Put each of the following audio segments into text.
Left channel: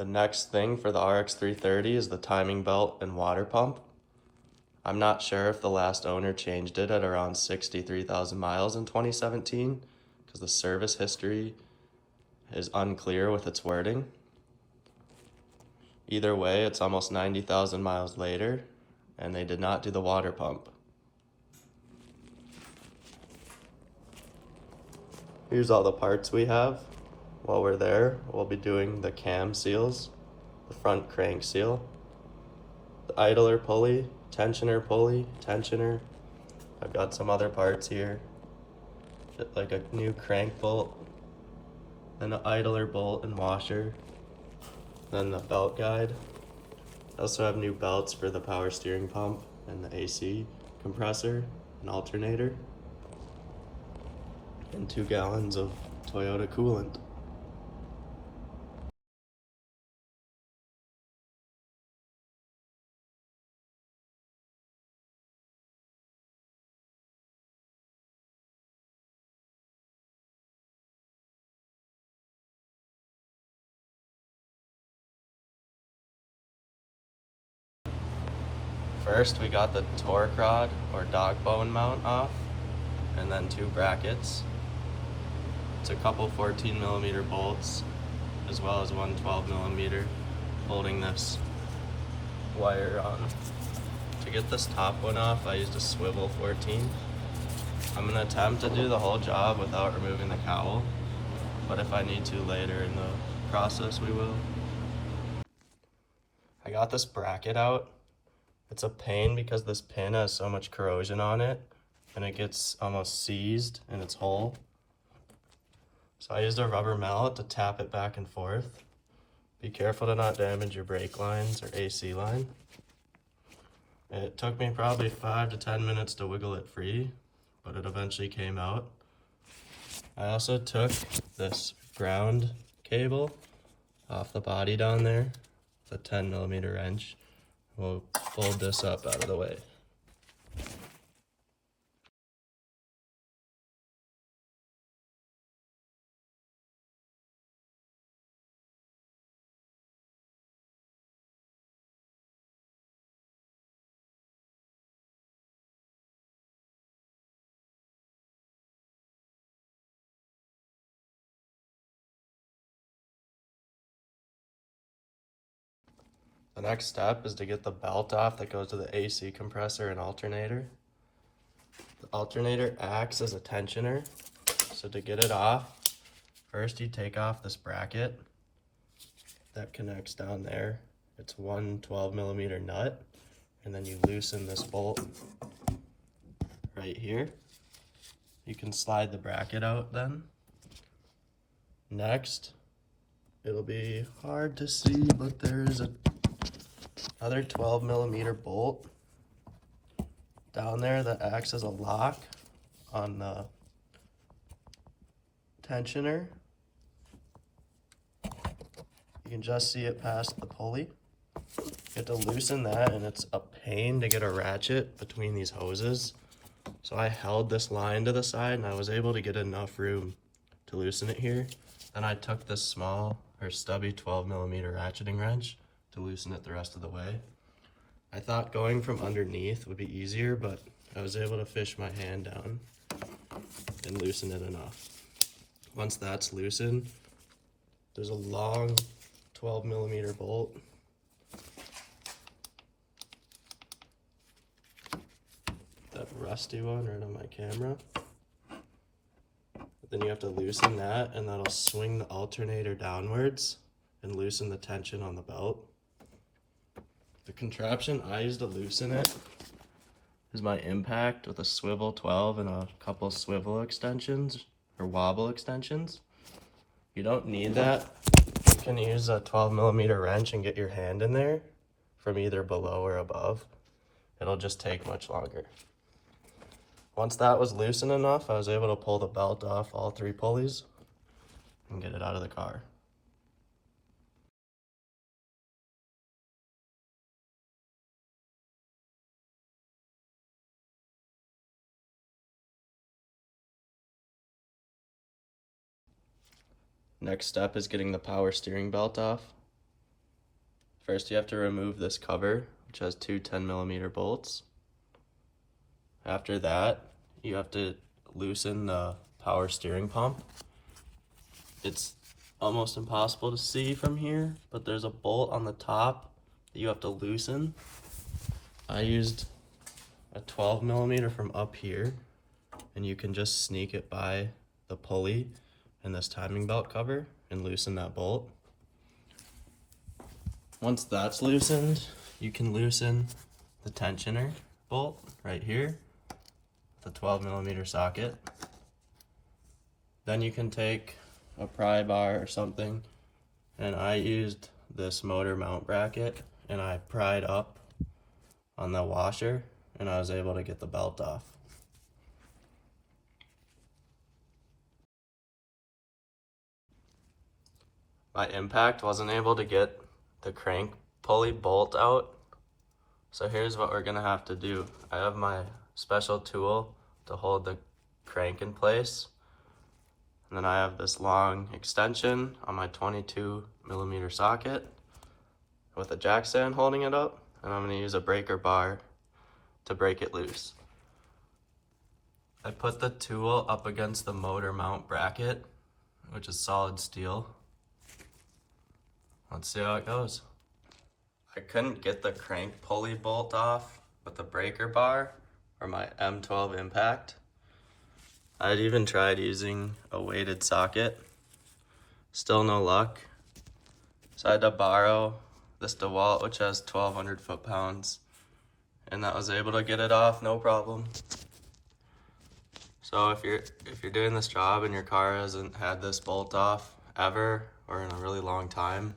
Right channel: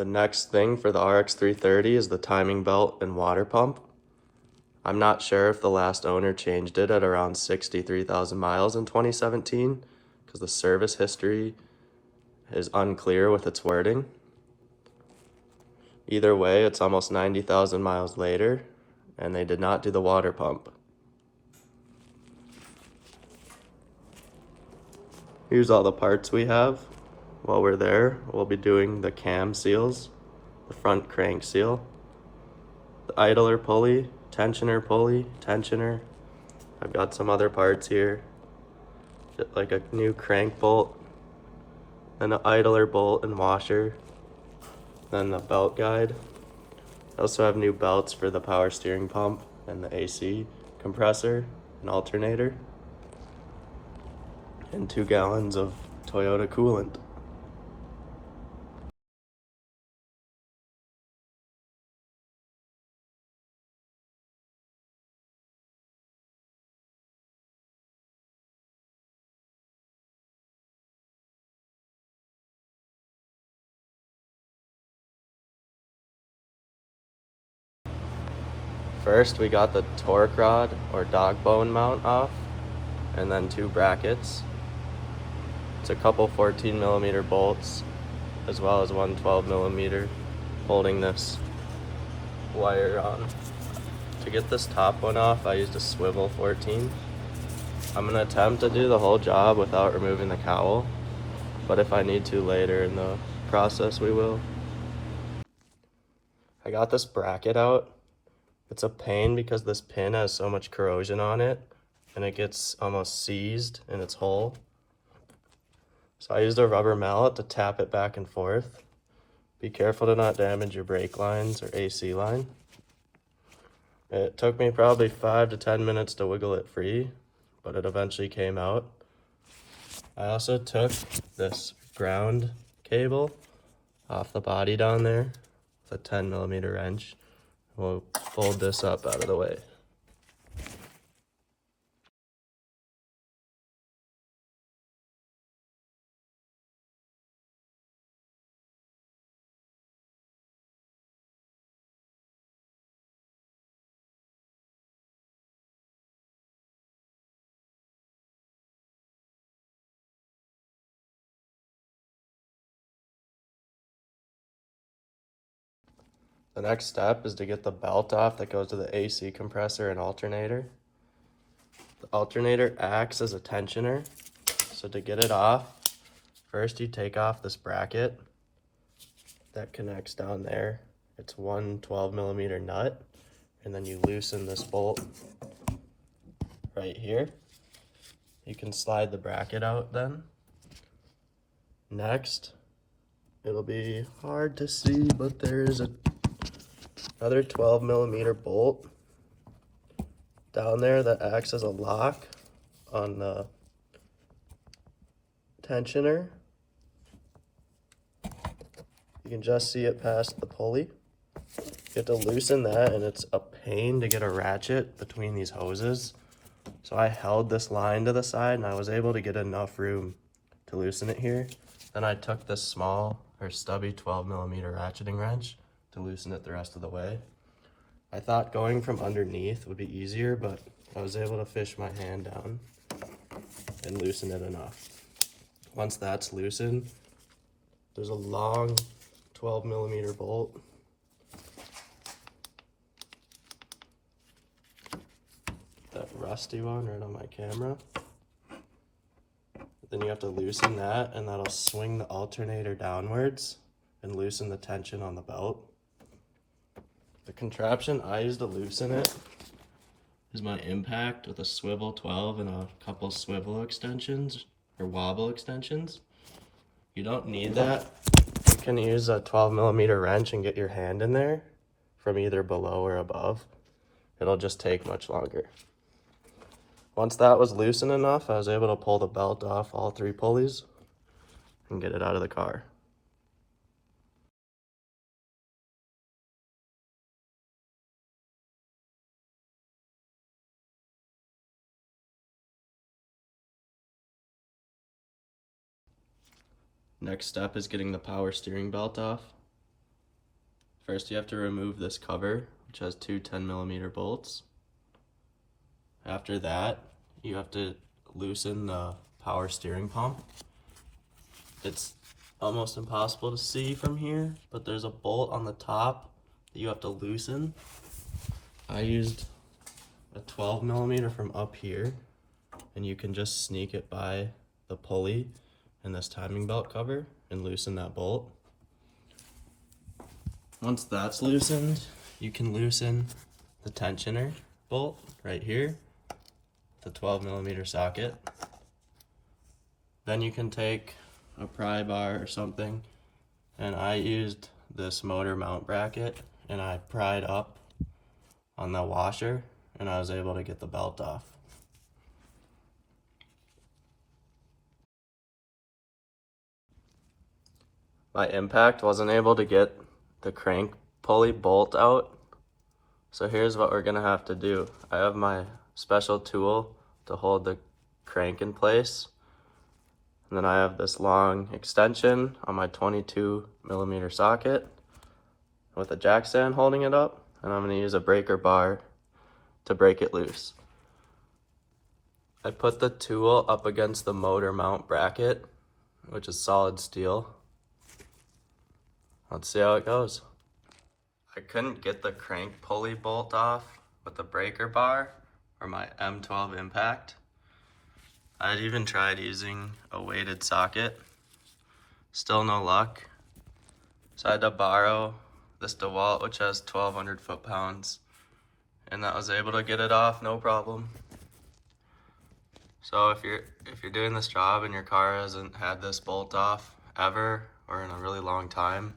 The next thing for the RX330 is the timing belt and water pump. I'm not sure if the last owner changed it at around 63,000 miles in 2017 because the service history is unclear with its wording. Either way, it's almost 90,000 miles later and they did not do the water pump. Here's all the parts we have. While we're there, we'll be doing the cam seals, the front crank seal, the idler pulley, tensioner. I've got some other parts here, like a new crank bolt, then an idler bolt and washer, then the belt guide. I also have new belts for the power steering pump and the AC compressor and alternator, and 2 gallons of Toyota coolant. First, we got the torque rod or dog bone mount off, and then 2 brackets. It's a couple 14mm bolts, as well as one 12mm holding this wire on. To get this top one off, I used a swivel 14. I'm gonna attempt to do the whole job without removing the cowl, but if I need to later in the process, we will. I got this bracket out. It's a pain because this pin has so much corrosion on it and it gets almost seized in its hole. So I used a rubber mallet to tap it back and forth. Be careful to not damage your brake lines or AC line. It took me probably 5 to 10 minutes to wiggle it free, but it eventually came out. I also took this ground cable off the body down there with a 10mm wrench. We'll fold this up out of the way. The next step is to get the belt off that goes to the AC compressor and alternator. The alternator acts as a tensioner, so to get it off, first you take off this bracket that connects down there. It's one 12mm nut, and then you loosen this bolt right here. You can slide the bracket out then. Next, it'll be hard to see, but there is another 12mm bolt down there that acts as a lock on the tensioner. You can just see it past the pulley. You have to loosen that, and it's a pain to get a ratchet between these hoses. So I held this line to the side and I was able to get enough room to loosen it here. Then I took this small or stubby 12mm ratcheting wrench to loosen it the rest of the way. I thought going from underneath would be easier, but I was able to fish my hand down and loosen it enough. Once that's loosened, there's a long 12mm bolt. That rusty one right on my camera. Then you have to loosen that, and that'll swing the alternator downwards and loosen the tension on the belt. The contraption I use to loosen it is my impact with a swivel 12 and a couple swivel extensions or wobble extensions. You don't need that. You can use a 12mm wrench and get your hand in there from either below or above. It'll just take much longer. Once that was loosened enough, I was able to pull the belt off all 3 pulleys and get it out of the car. Next step is getting the power steering belt off. First you have to remove this cover, which has two 10mm bolts. After that, you have to loosen the power steering pump. It's almost impossible to see from here, but there's a bolt on the top that you have to loosen. I used a 12mm from up here, and you can just sneak it by the pulley and this timing belt cover and loosen that bolt. Once that's loosened, you can loosen the tensioner bolt right here, the 12mm socket. Then you can take a pry bar or something, and I used this motor mount bracket and I pried up on the washer and I was able to get the belt off. My impact wasn't able to get the crank pulley bolt out, so here's what we're gonna have to do. I have my special tool to hold the crank in place, and then I have this long extension on my 22mm socket with a jack stand holding it up, and I'm gonna use a breaker bar to break it loose. I put the tool up against the motor mount bracket, which is solid steel. Let's see how it goes. I couldn't get the crank pulley bolt off with the breaker bar or my M12 impact. I'd even tried using a weighted socket. Still no luck. So I had to borrow this DeWalt, which has 1,200 foot-pounds, and that was able to get it off, no problem. So if you're doing this job and your car hasn't had this bolt off ever or in a really long time,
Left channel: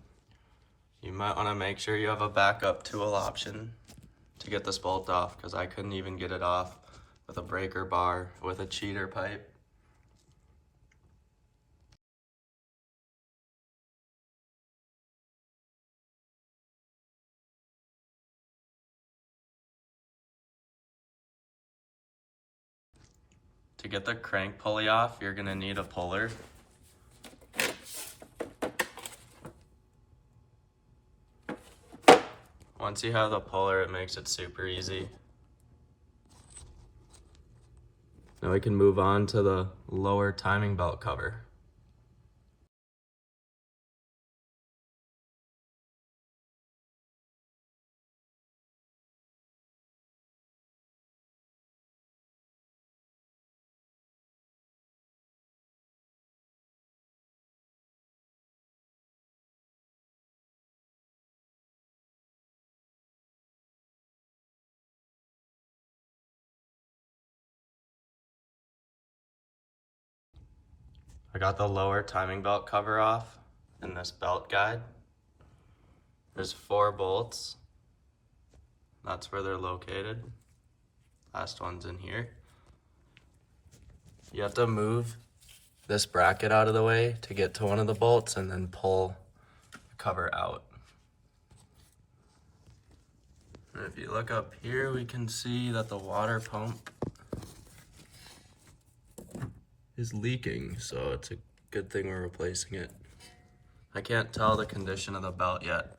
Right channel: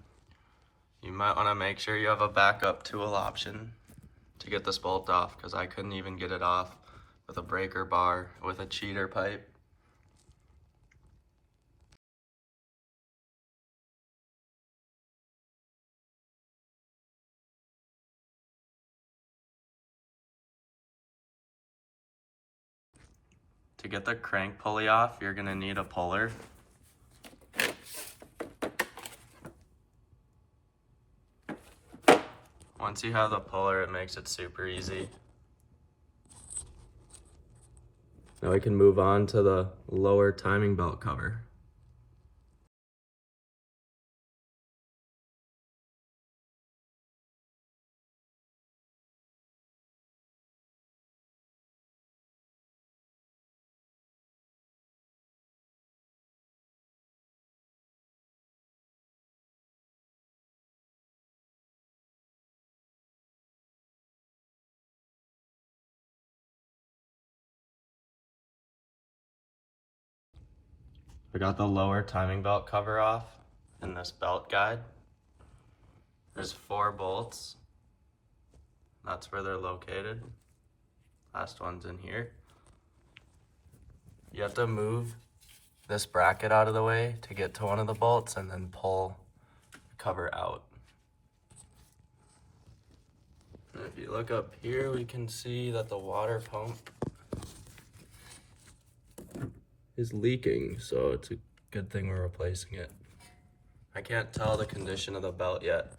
you might want to make sure you have a backup tool option to get this bolt off, because I couldn't even get it off with a breaker bar with a cheater pipe. To get the crank pulley off, you're gonna need a puller. Once you have the puller, it makes it super easy. Now we can move on to the lower timing belt cover. I got the lower timing belt cover off in this belt guide. There's 4 bolts. That's where they're located. Last one's in here. You have to move this bracket out of the way to get to one of the bolts and then pull the cover out. And if you look up here, we can see that the water pump is leaking, so it's a good thing we're replacing it. I can't tell the condition of the belt yet.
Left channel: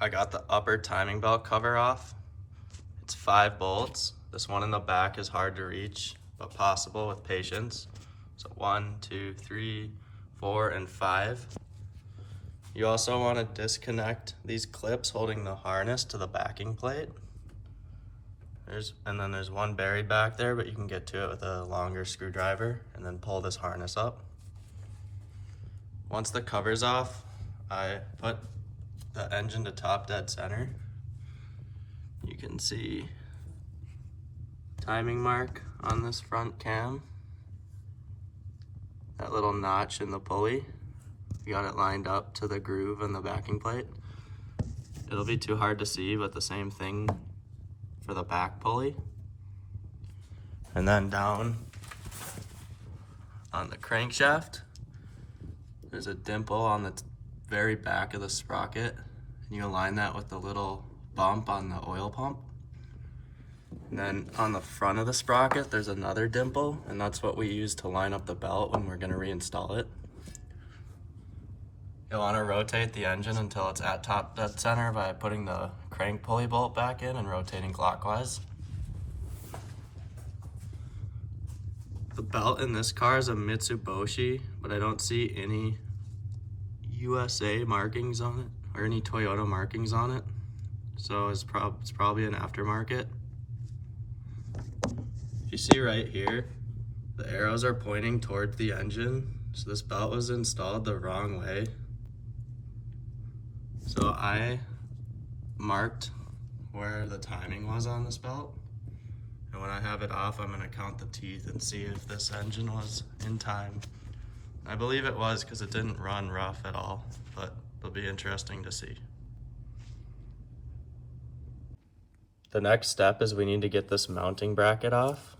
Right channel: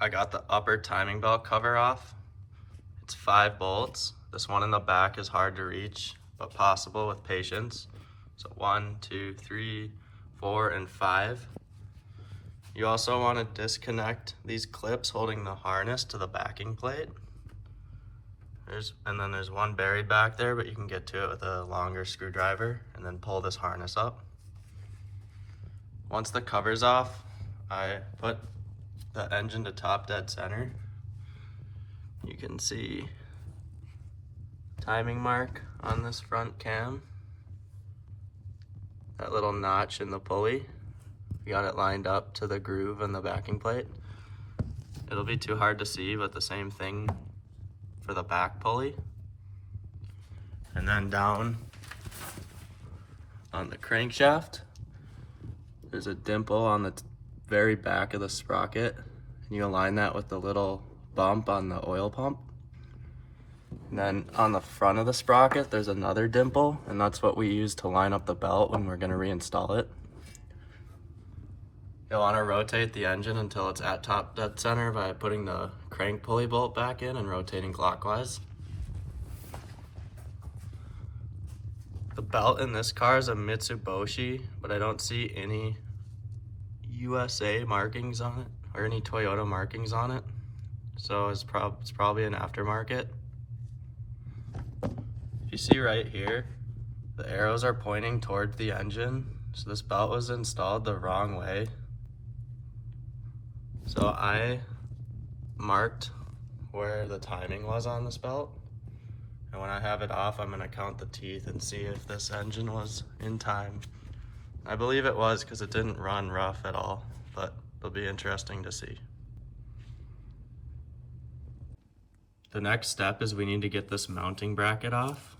I got the upper timing belt cover off. It's 5 bolts. This one in the back is hard to reach, but possible with patience. So 1, 2, 3, 4, and 5. You also want to disconnect these clips holding the harness to the backing plate. And then there's one buried back there, but you can get to it with a longer screwdriver and then pull this harness up. Once the cover's off, I put the engine to top dead center. You can see timing mark on this front cam. That little notch in the pulley. We got it lined up to the groove in the backing plate. It'll be too hard to see, but the same thing for the back pulley. And then down on the crankshaft, there's a dimple on the very back of the sprocket, and you align that with the little bump on the oil pump. And then on the front of the sprocket, there's another dimple, and that's what we use to line up the belt when we're gonna reinstall it. You'll wanna rotate the engine until it's at top dead center by putting the crank pulley bolt back in and rotating clockwise. The belt in this car is a Mitsubishi, but I don't see any USA markings on it or any Toyota markings on it. So it's probably an aftermarket. If you see right here, the arrows are pointing toward the engine. So this belt was installed the wrong way. So I marked where the timing was on this belt. And when I have it off, I'm gonna count the teeth and see if this engine was in time. I believe it was because it didn't run rough at all, but it'll be interesting to see. The next step is we need to get this mounting bracket off.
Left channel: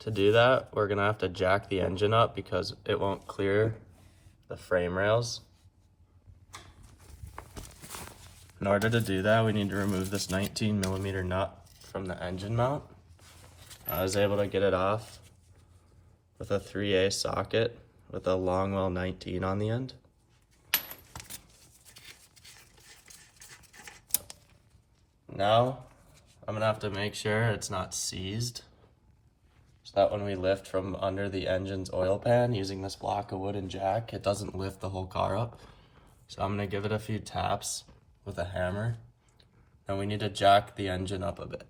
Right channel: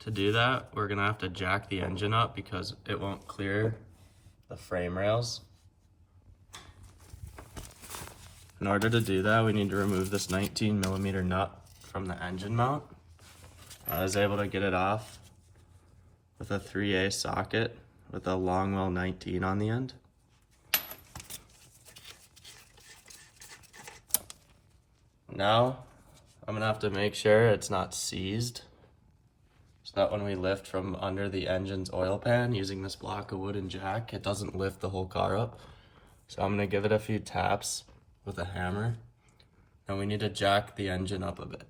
To do that, we're gonna have to jack the engine up because it won't clear the frame rails. In order to do that, we need to remove this 19mm nut from the engine mount. I was able to get it off with a 3A socket with a Longwell 19 on the end. Now, I'm gonna have to make sure it's not seized, so that when we lift from under the engine's oil pan using this block of wood and jack, it doesn't lift the whole car up. So I'm gonna give it a few taps with a hammer, and we need to jack the engine up a bit.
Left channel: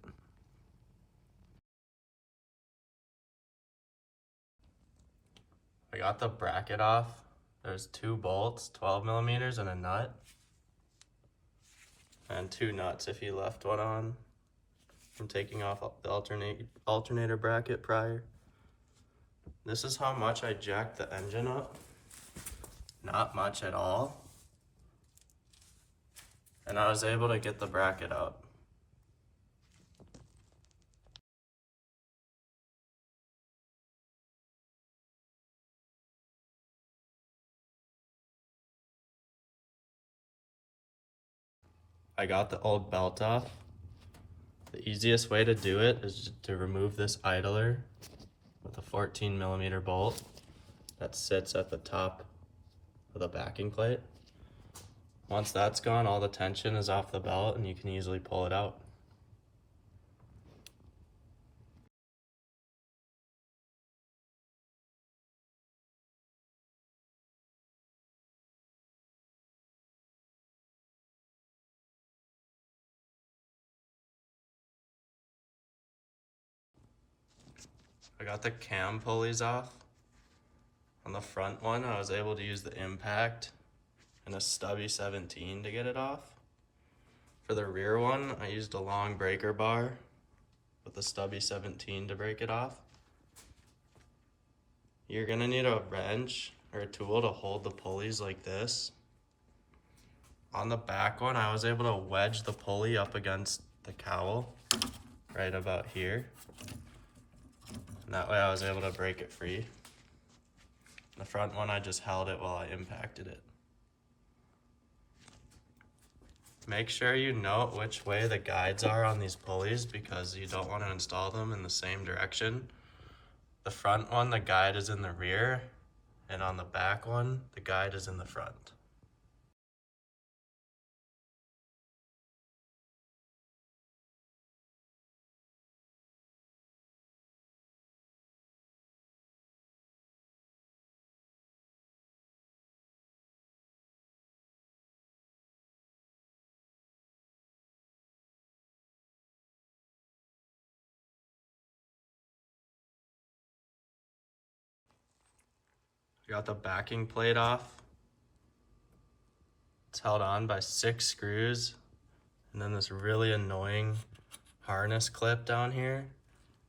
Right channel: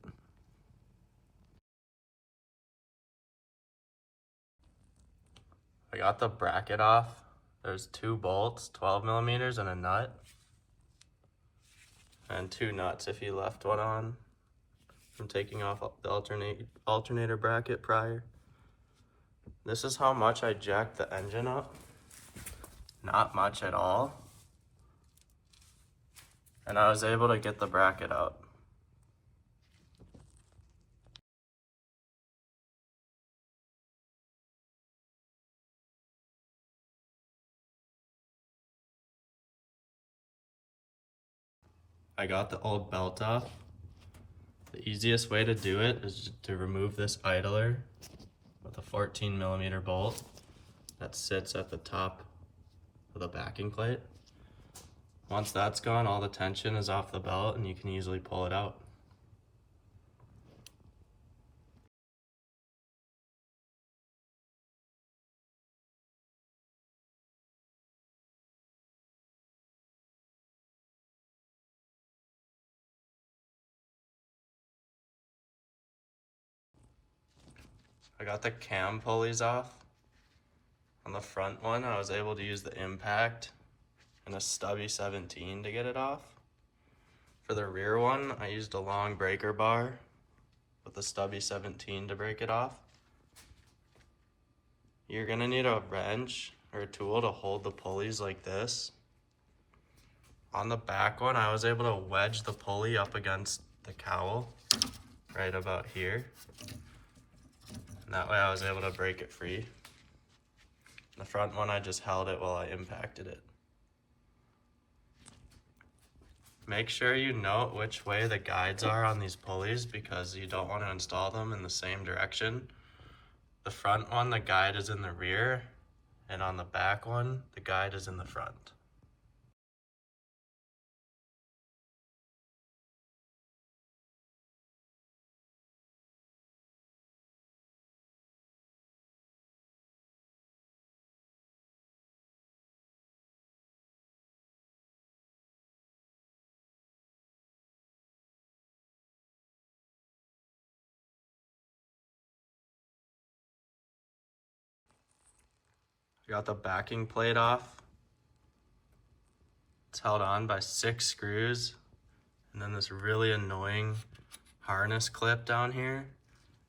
I got the bracket off. There's 2 bolts, 12mm, and a nut. And 2 nuts if you left one on from taking off the alternator bracket prior. This is how much I jacked the engine up. Not much at all. And I was able to get the bracket out. I got the old belt off. The easiest way to do it is to remove this idler with a 14mm bolt that sits at the top of the backing plate. Once that's gone, all the tension is off the belt and you can easily pull it out. I got the cam pulleys off. On the front one, I was able to use the impact and a stubby 17 to get it off. For the rear one, I used a long breaker bar with a stubby 17 to break it off. You're gonna need a wrench or a tool to hold the pulleys like this. On the back one, I was able to wedge the pulley up against the cowl right about here. And that way I was able to break it free. The front one, I just held it while I impacted it. Make sure you note which way the guides are on these pulleys because you don't want to install them in the same direction. The front one, the guide is in the rear, and on the back one, the guide is in the front. Got the backing plate off. It's held on by 6 screws and then this really annoying harness clip down here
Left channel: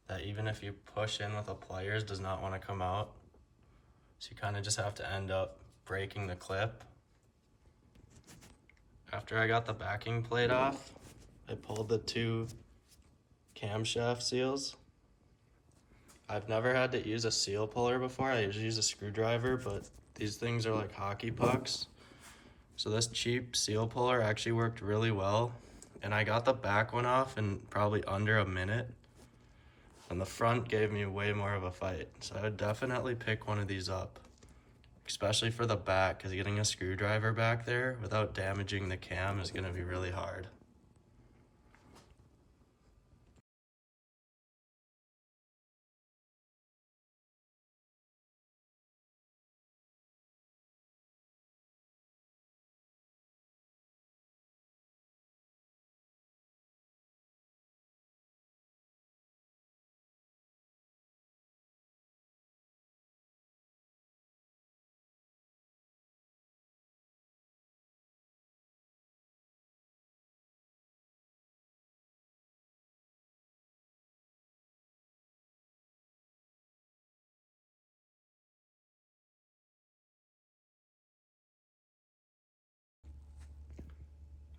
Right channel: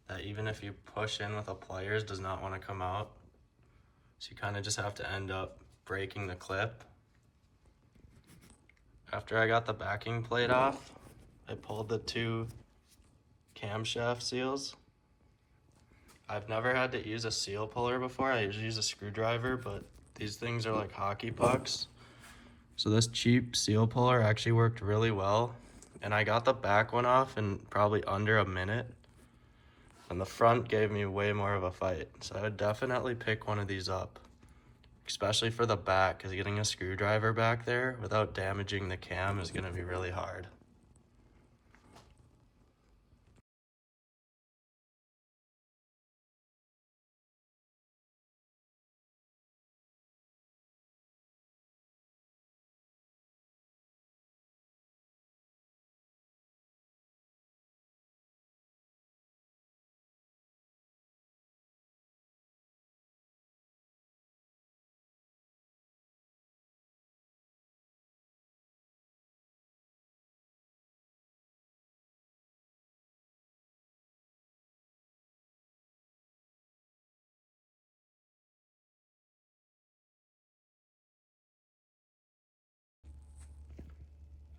that even if you push in with a pliers does not want to come out. So you kind of just have to end up breaking the clip. After I got the backing plate off, I pulled the 2 camshaft seals. I've never had to use a seal puller before. I usually use a screwdriver, but these things are like hockey pucks. So this cheap seal puller actually worked really well. And I got the back one off in probably under a minute. And the front gave me way more of a fight. So I would definitely pick one of these up, especially for the back, because getting a screwdriver back there without damaging the cam is going to be really hard.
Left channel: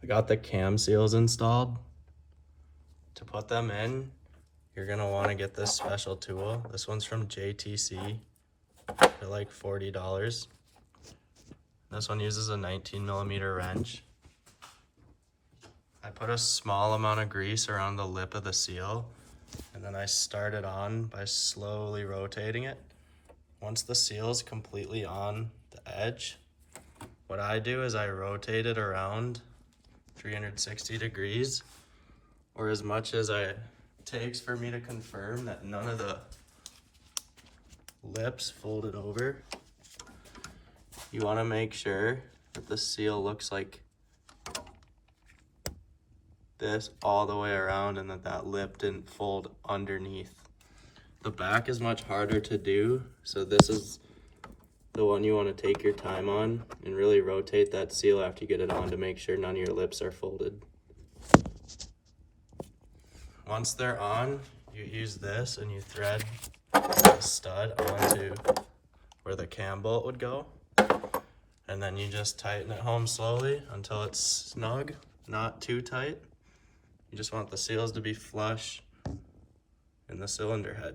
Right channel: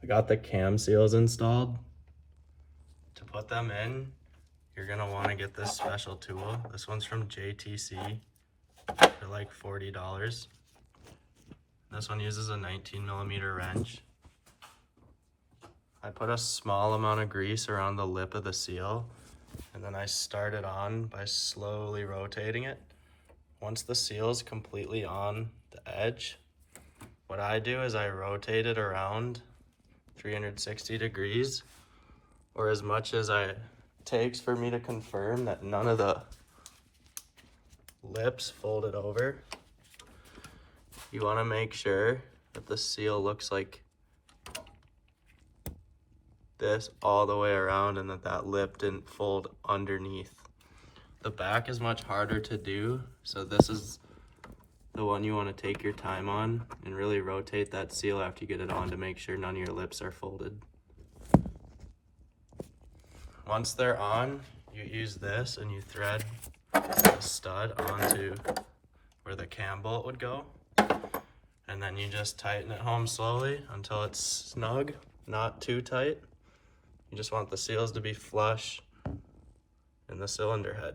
I got the cam seals installed. To put them in, you're gonna wanna get this special tool. This one's from JTC for like $40. This one uses a 19mm wrench. I put a small amount of grease around the lip of the seal, and then I start it on by slowly rotating it. Once the seal is completely on the edge, what I do is I rotate it around 360 degrees, or as much as it takes for me to confirm that none of the lips folded over. You want to make sure that the seal looks like this all the way around and that lip didn't fold underneath. The back is much harder to do, so this is the one you want to take your time on and really rotate that seal after you get it on to make sure none of your lips are folded. Once they're on, you use this and you thread the stud onto where the cam bolt would go, and then you just tighten it home slowly until it's snug, not too tight. You just want the seals to be flush in the cylinder head.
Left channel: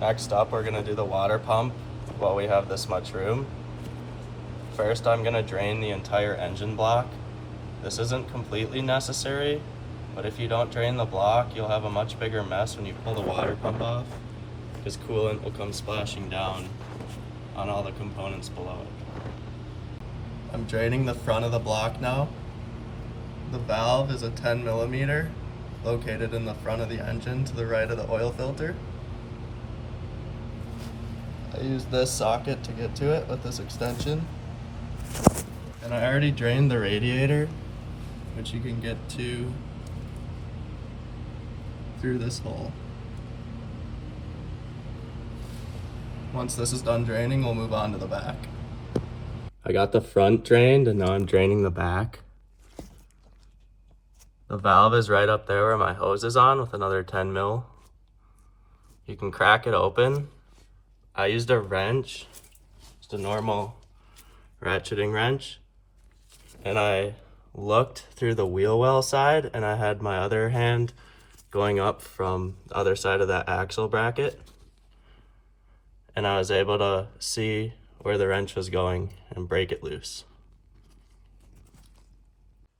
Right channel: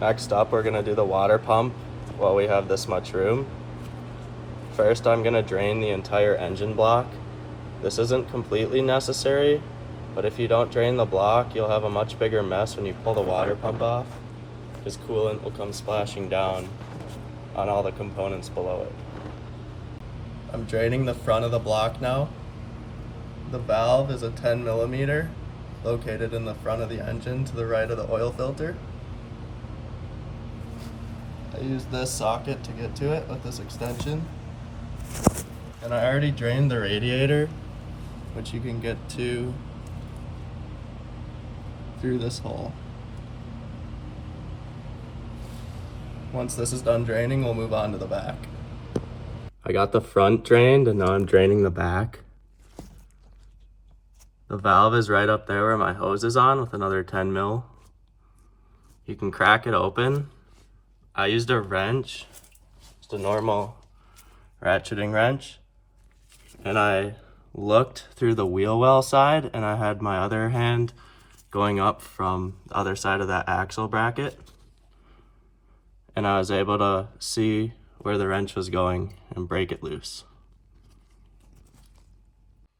Next up, we're gonna do the water pump while we have this much room. First, I'm gonna drain the entire engine block. This isn't completely necessary, but if you don't drain the block, you'll have a much bigger mess when you pull the water pump off, because coolant will come splashing down on all the components below it. I'm draining the front of the block now. The valve is a 10mm located in the front of the engine to the right of the oil filter. I use this socket to get to it with this extension. And I already drained the radiator, which you can get to through this hole. Once this is done draining, we'll move on to the back. I got the front drained and now I'm draining the back. The valve is right up there where my hose is on with another 10mm. You can crack it open. I used a wrench, just a normal ratcheting wrench, and I looked through the wheel well side and I had my other hand going up from the other side of that axle bracket, and I was able to see where the wrench was going and break it loose.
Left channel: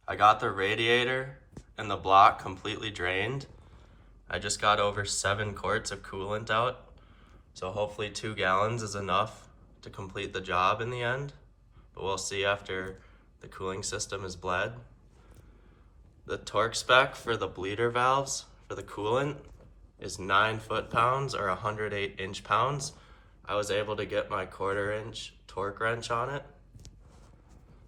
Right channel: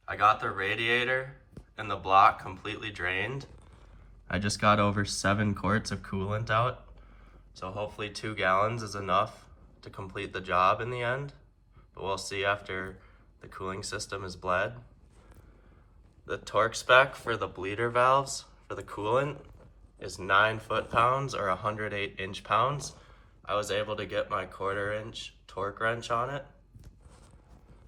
I got the radiator and the block completely drained. I just got over 7 quarts of coolant out, so hopefully 2 gallons is enough to complete the job in the end, but we'll see after the cooling system is bled. The torque spec for the bleeder valves for the coolant is 9 foot-pounds or 108 inch-pounds. I was able to get my 1/4 inch torque wrench on it.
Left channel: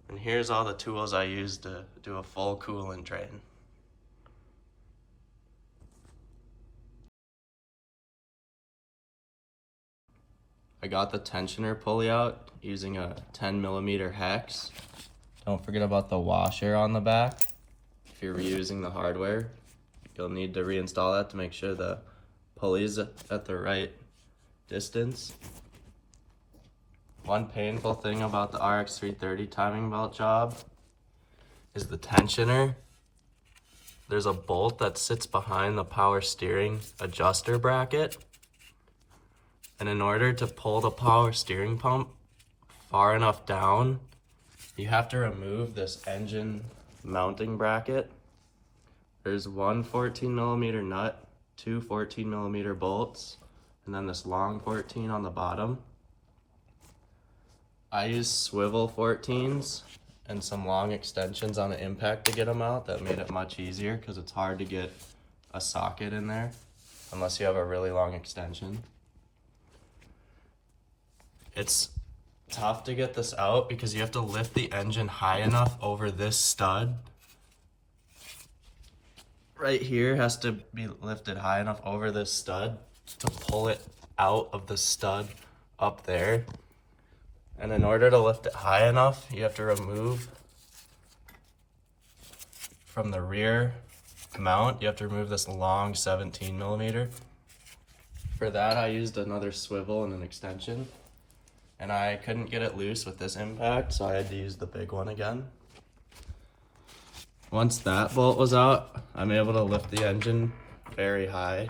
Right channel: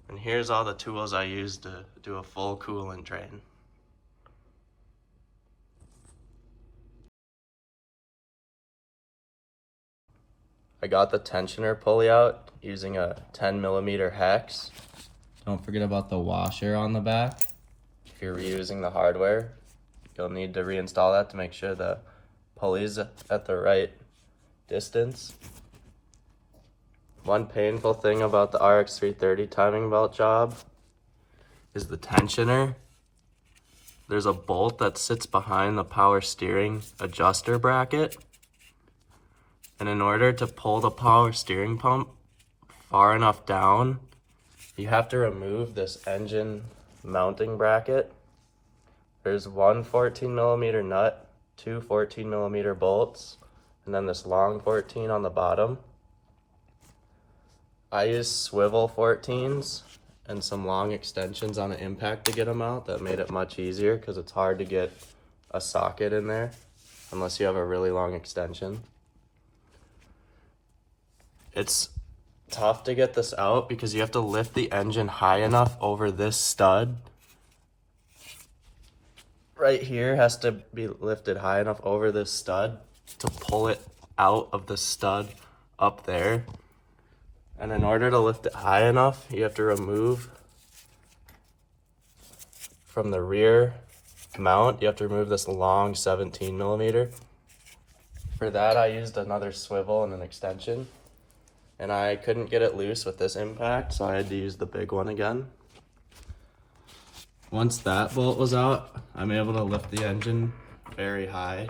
And here's all the tools I used to do a full coolant drain. I got the tensioner pulley out using a 10mm hex. Don't forget about the washer on the back. If you're reusing the hardware, you'll need to reinstall that to make sure the pulley's at the right distance. One painful thing about the RX330 timing belt job is the tensioner. There's a bolt that sits behind the power steering adjuster bracket. And in order to pull the power steering pump far enough down you have to remove this engine mounting bracket. There's one 14mm nut, two 14mm bolts, and then this long 14 on the bottom. I use swivel 14s and some long extensions on the impact to get them out. That made it much easier because it's hard to get a socket in there unless you have a really long extension. It's tough to get this out because you have to lift the engine high enough over this stud. Right here has to be lifted high enough over this stud to pull it out of the stud up there. And in order to lift it high enough, you have to remove from the rear mount, you have to remove this long 17mm. For that, I used another swivel and an extension, and I couldn't get it loose with this impact, so I had to use the big one again. Once that bolt was out, I'm able to lift the engine very high.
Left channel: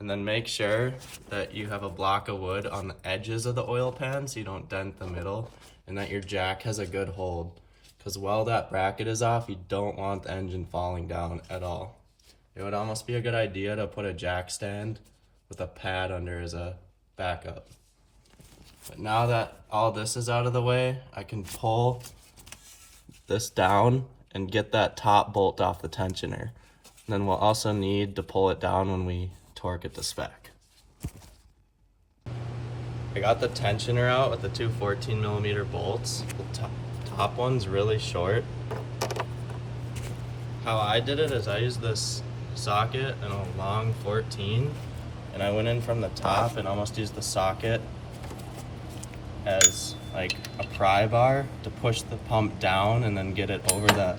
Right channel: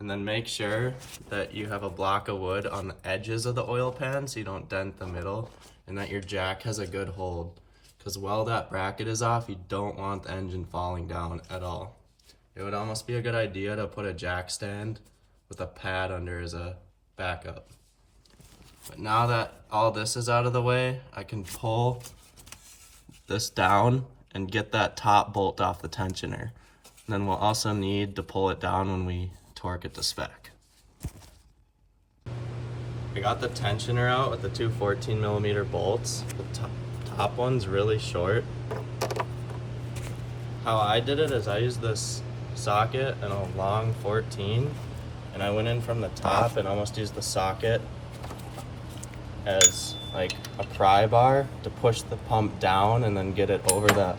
And then make sure that you have a block of wood on the edges of the oil pan so you don't dent the middle, and that your jack has a good hold. Because while that bracket is off, you don't want the engine falling down at all. It would almost be a good idea to put a jack stand with a pad under as a backup. But now that all this is out of the way, I can pull this down and get that top bolt off the tensioner. And then we'll also need to pull it down when we torque it to spec. I got the tensioner out with the two 14mm bolts. The top one's really short. How I did it is I used this socket and a long 14, and I went in from the top and almost used the socket as like a pry bar to push the pump down and then get it over the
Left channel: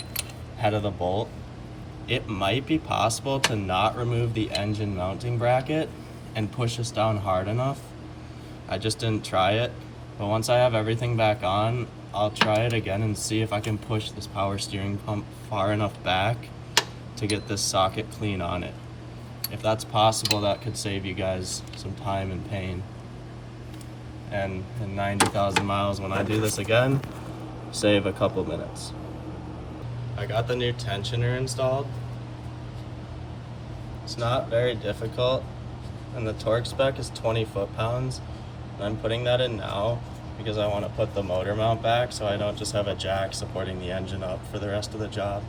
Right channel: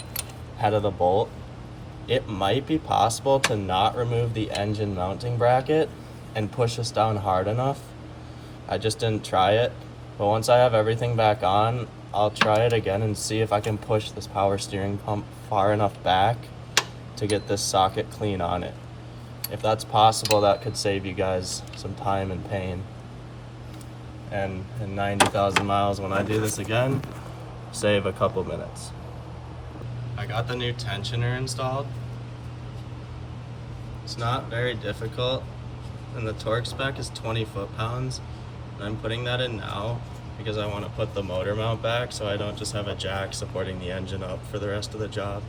head of the bolt. It might be possible to not remove the engine mounting bracket and push this down hard enough. I just didn't try it, but once I have everything back on, I'll try it again and see if I can push this power steering pump far enough back to get this socket clean on it. If that's possible, that could save you guys some time and pain. And in 90,000 miles, when I do this again, save a couple minutes. I got the new tensioner installed. It's not very difficult, and the torque spec is 20 foot-pounds. I'm putting that in now because I want to put the motor mount back so I don't just have a jack supporting the engine up for the rest of the job.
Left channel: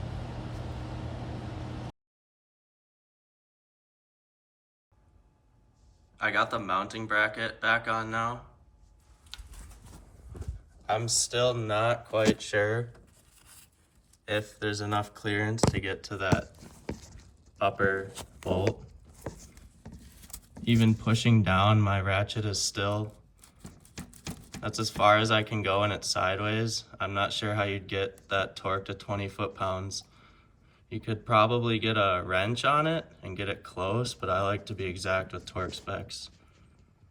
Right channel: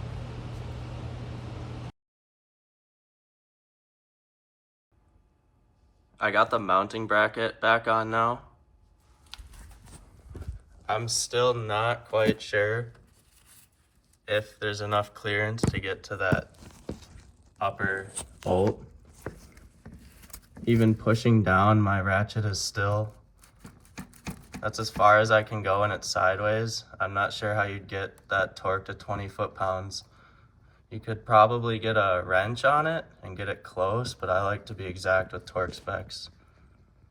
I got the mounting bracket back on now. I'm still not quite sure if there's enough clearance to get to that upper bolt. Even pushing down, my ratchet is still, that's as far as I can go and it's sideways. I'm not sure how you'd get that torque to 20 foot-pounds. You could probably get a wrench on it and get it close, but I like to be exact with torque specs.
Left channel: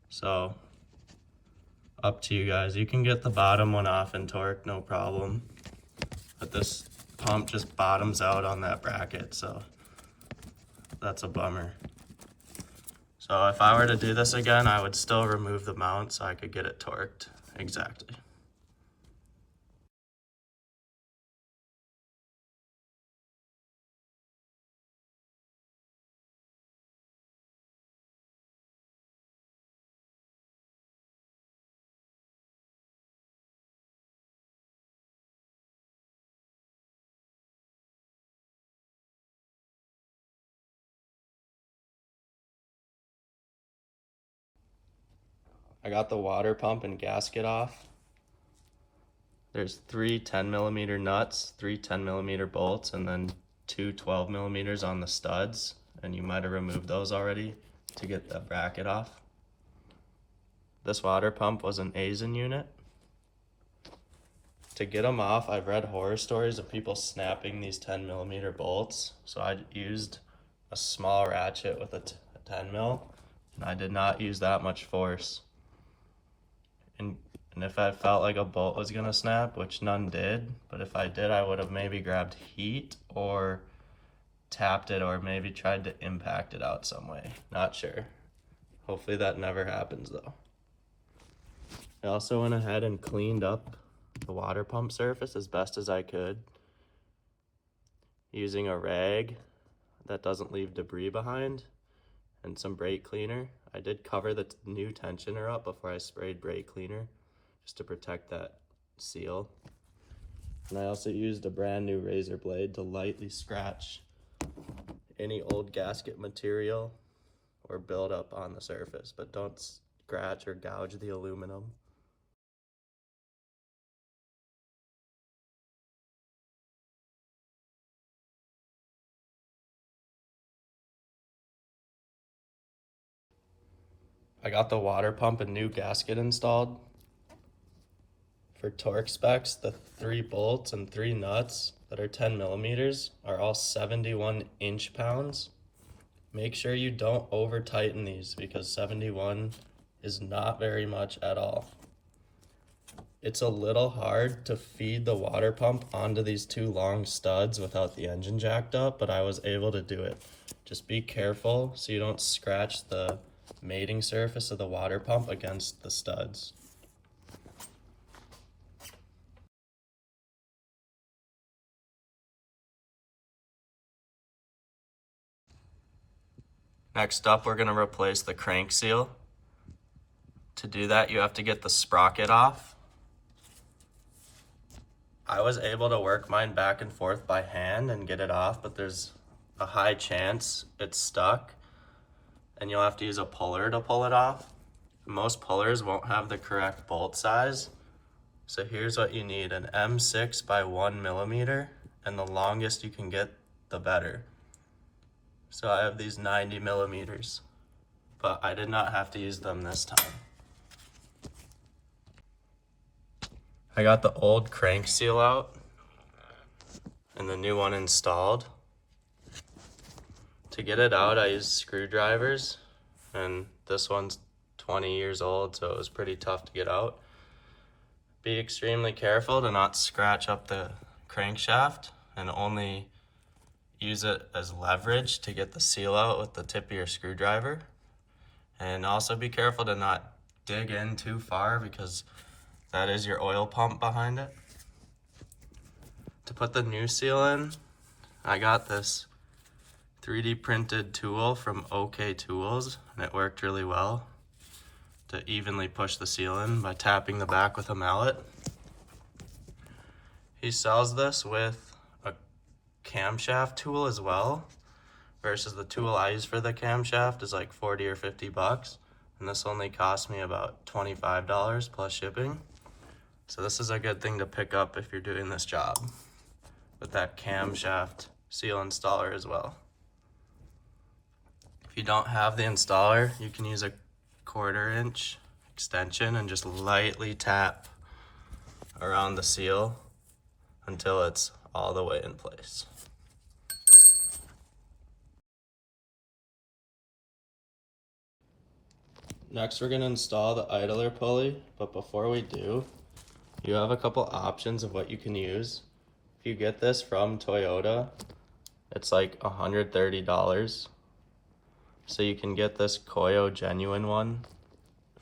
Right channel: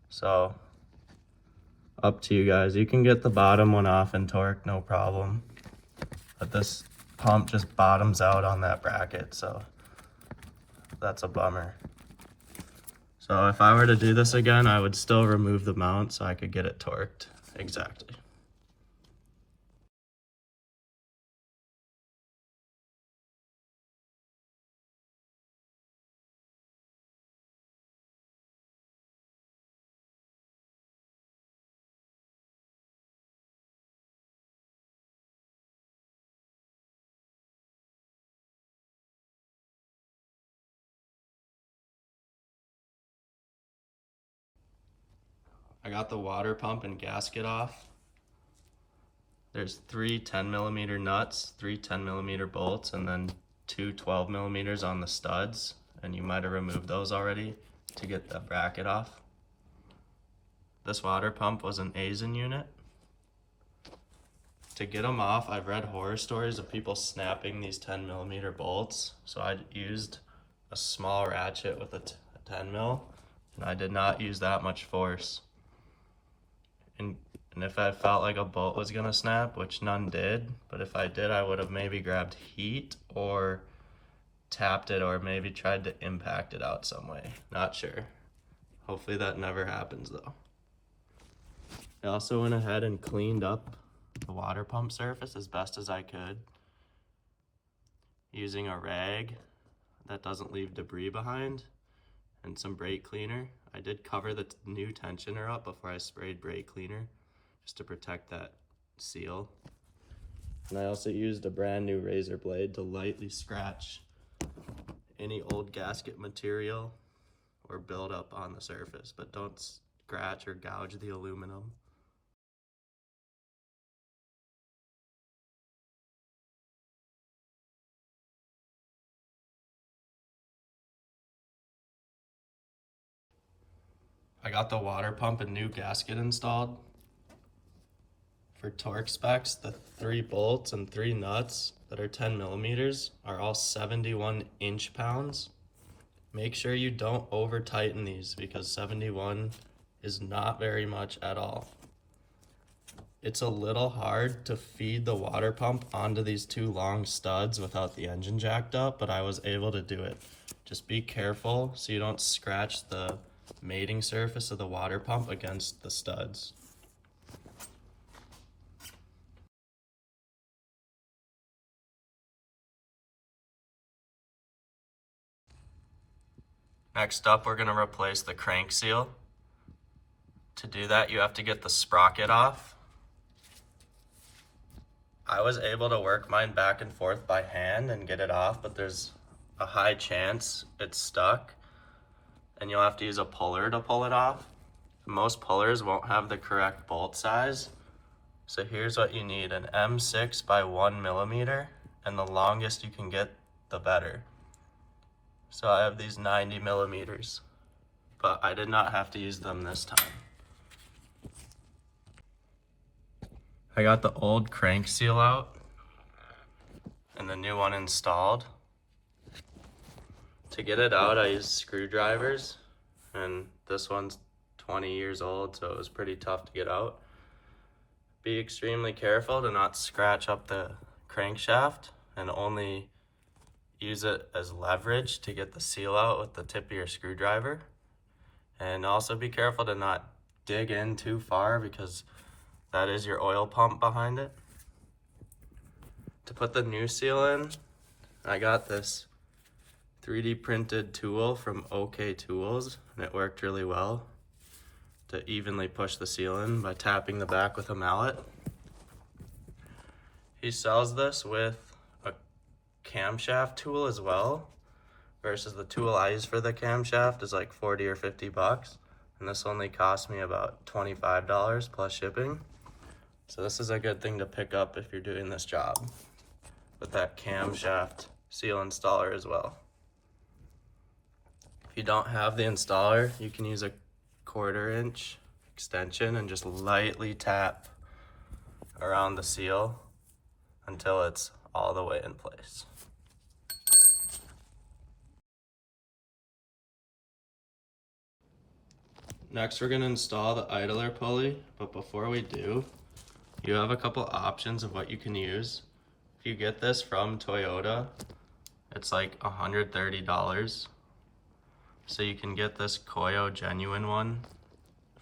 So, up to you guys. You can get the bottom one off in torque, no problem. But this pump just bottoms out on that bracket, so that's a bummer. So if I were to do this again, I would still remove the mount so I could get it torqued exactly. I got the water pump and gasket off. There's three 10mm nuts, three 10mm bolts, and then two 12mm on the studs. And you might have removed those already to get the bracket off. This water pump was an Aisin unit. To get them off, I've read horror stories of people snapping these 10mm bolts. So I used a small ratchet with a 10 mil, and I did not use that much force. And if I felt like a bolt was gonna snap, which none did, but if I did, I would have maybe grabbed heat or tapped it or maybe tried to impact it out some way. Not sure. Hopefully that never happens though. I also went ahead and cleaned up the water pump surface as best as I could using a rag that doesn't leave debris behind and some brake cleaner. I did cover the new tensioner up before I sprayed brake cleaner just to protect that seal. And I also used a brand new razor blade to lightly scratch any old gasket material or buildup on the surface, but don't scratch or gouge the aluminum. I got the water pump and new gasket installed. For torque specs, the 3 bolts and 3 nuts that are 10 millimeters are all 71 inch-pounds. Make sure you don't over tighten these because 71 is not very much at all. It's a little hard to feed the water pump onto these 2 long studs without the engine jacked up, but I was able to do it. Just be careful so you don't scratch the mating surface of the water pump against the studs. Next up, we're going to replace the crank seal. To do that, you have to get the sprocket off. I was able to work mine back and forth by hand and get it off, but there's a high chance it's stuck and you'll have to use a puller to pull it off. Most pullers won't have the correct bolt size. So here's what you need: an M6 by 1 millimeter, and the longest you can get, the better. So I have these 90 millimeters, but I did not have to use them this time. I got the old crank seal out and the new one installed. To get it out, I used screwdrivers, and this one's 20 years old, so it was pretty tough to get out. Be extremely careful to not scratch up the crankshaft and only use it as leverage to get the seal out with the tip of your screwdriver. And also be careful to not dig in too far because that is your oil pump behind it. To put the new seal in, I got this 3D printed tool from OK Tools, and it worked really well to evenly push the seal in by tapping the back with a mallet. He sells this with a camshaft tool as well, versus the tool I use for the camshaft is like 40 or 50 bucks, and this only cost me about $25 plus shipping. So this is a good thing to pick up if you're doing this job, with that camshaft seal installer as well. If you don't have the installer, you can use a 1/4 inch extension and just lightly tap around the seal until it's all the way in place. Next, we're going to install the idler pulley, but before we do, you have a couple options of what you can use. If you get this from Toyota, it's like $130. So you can get this Koyo genuine one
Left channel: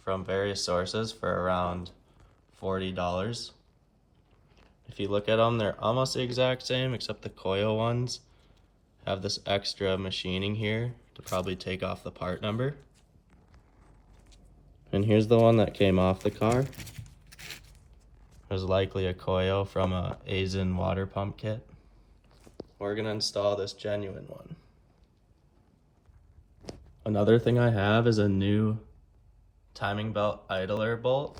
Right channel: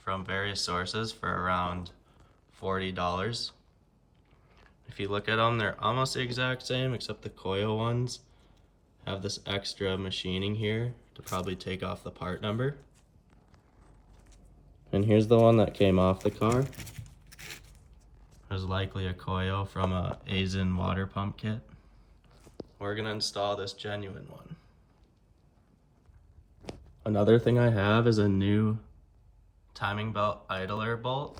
from various sources for around $40. If you look at them, they're almost the exact same, except the Koyo ones have this extra machining here to probably take off the part number. And here's the one that came off the car. There's likely a Koyo from a Aisin water pump kit. We're gonna install this genuine one. Another thing I have is a new timing belt idler bolt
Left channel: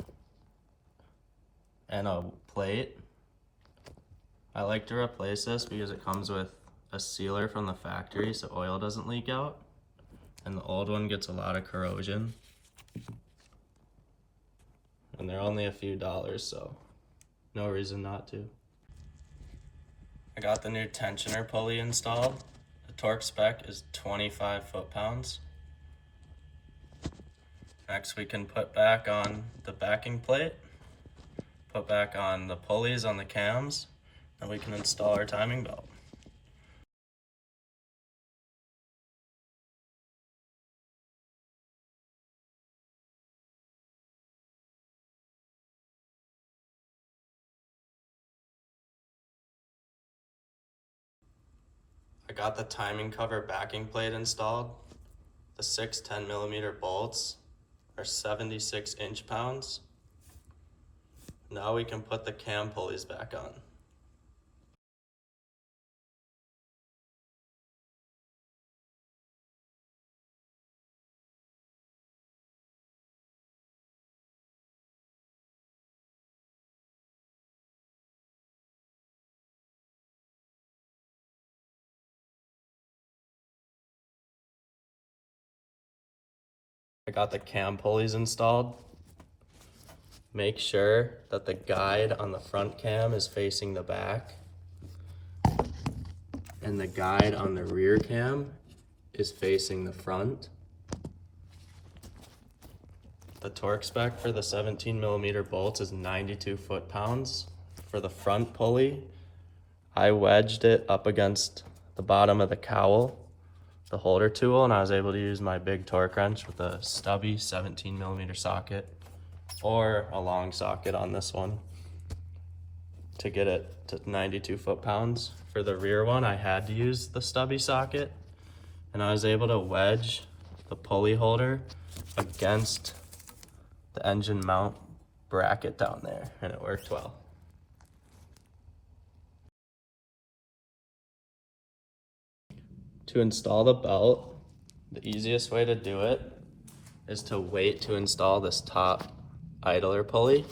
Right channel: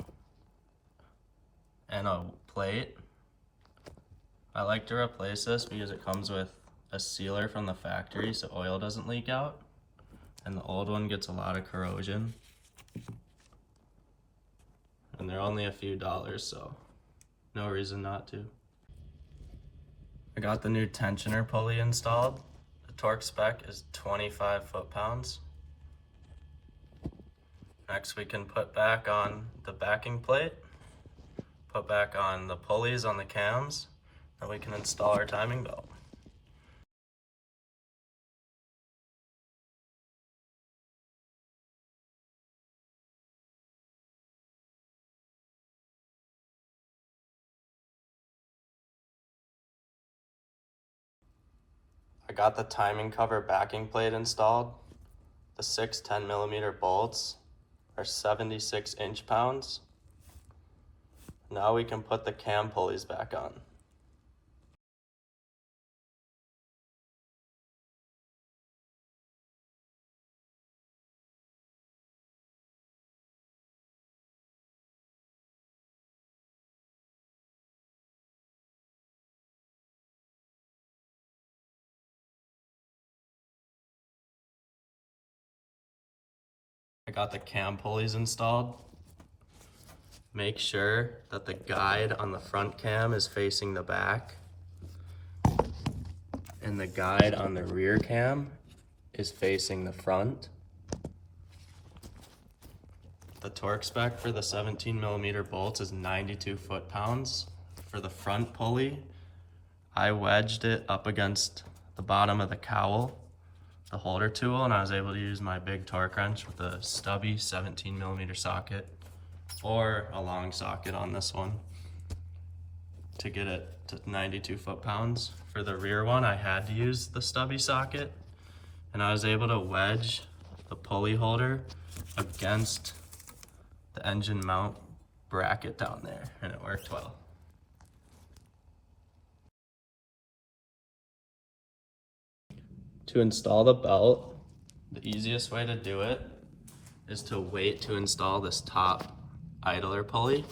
and a plate. I like to replace this because it comes with a sealer from the factory so oil doesn't leak out, and the old one gets a lot of corrosion. And they're only a few dollars, so no reason not to. I got the new tensioner pulley installed. The torque spec is 25 foot-pounds. Next, we can put back on the backing plate, put back on the pulleys on the cams, and we can install our timing belt. I got the timing cover backing plate installed. The 6 10mm bolts are 76 inch-pounds. Now we can put the cam pulleys back on. I got the cam pulleys installed. Make sure that the guide on the front cam is facing the back and the guide on the rear cam is facing the front. The torque spec for the 17mm bolts is 92 foot-pounds. For the front pulley, I wedged it up against the bottom of the cowl, the holder tool, and I was able to use my big torque wrench with a stubby 17mm socket or a long socket on this one to get it to 92 foot-pounds. For the rear one, I had to use the stubby socket, and I was able to wedge the pulley holder against the engine mount bracket down there, and it worked well. To install the belt, the easiest way to do it is to wait to install this top idler pulley.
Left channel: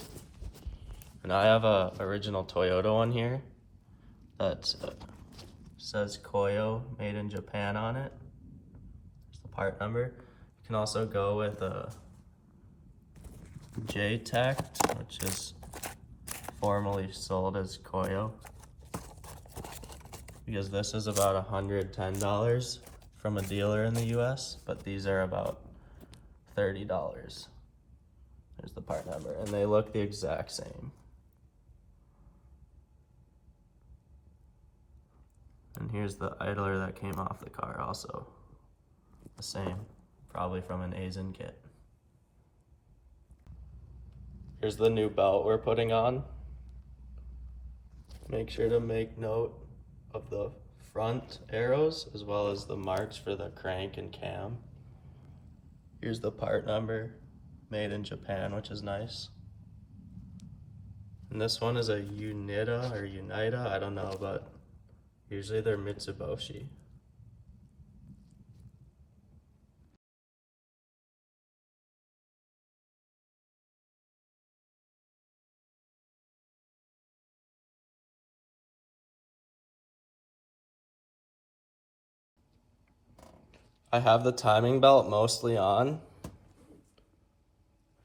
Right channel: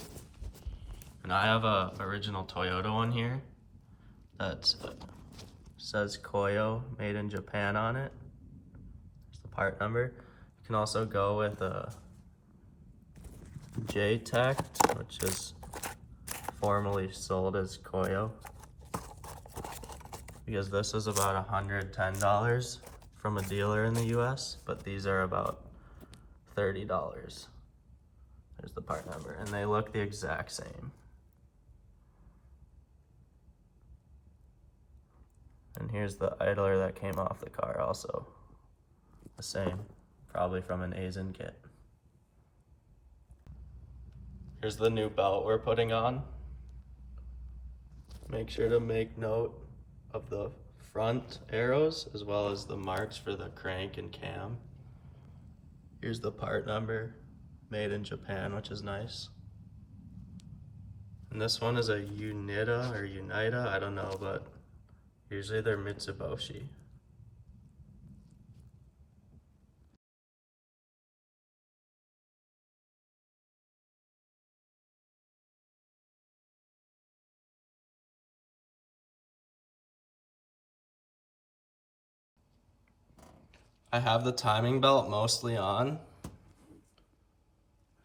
And I have a original Toyota one here that says Koyo made in Japan on it. There's the part number. You can also go with a J-Tect, which is formerly sold as Koyo, because this is about $110 from a dealer in the US, but these are about $30. There's the part number, and they look the exact same. And here's the idler that came off the car, also the same, probably from an Asian kit. Here's the new belt we're putting on. Make sure to make note of the front arrows as well as the marks for the crank and cam. Here's the part number, made in Japan, which is nice. And this one is a Unita or Unita, I don't know, but usually they're Mitsubishi. I have the timing belt mostly on.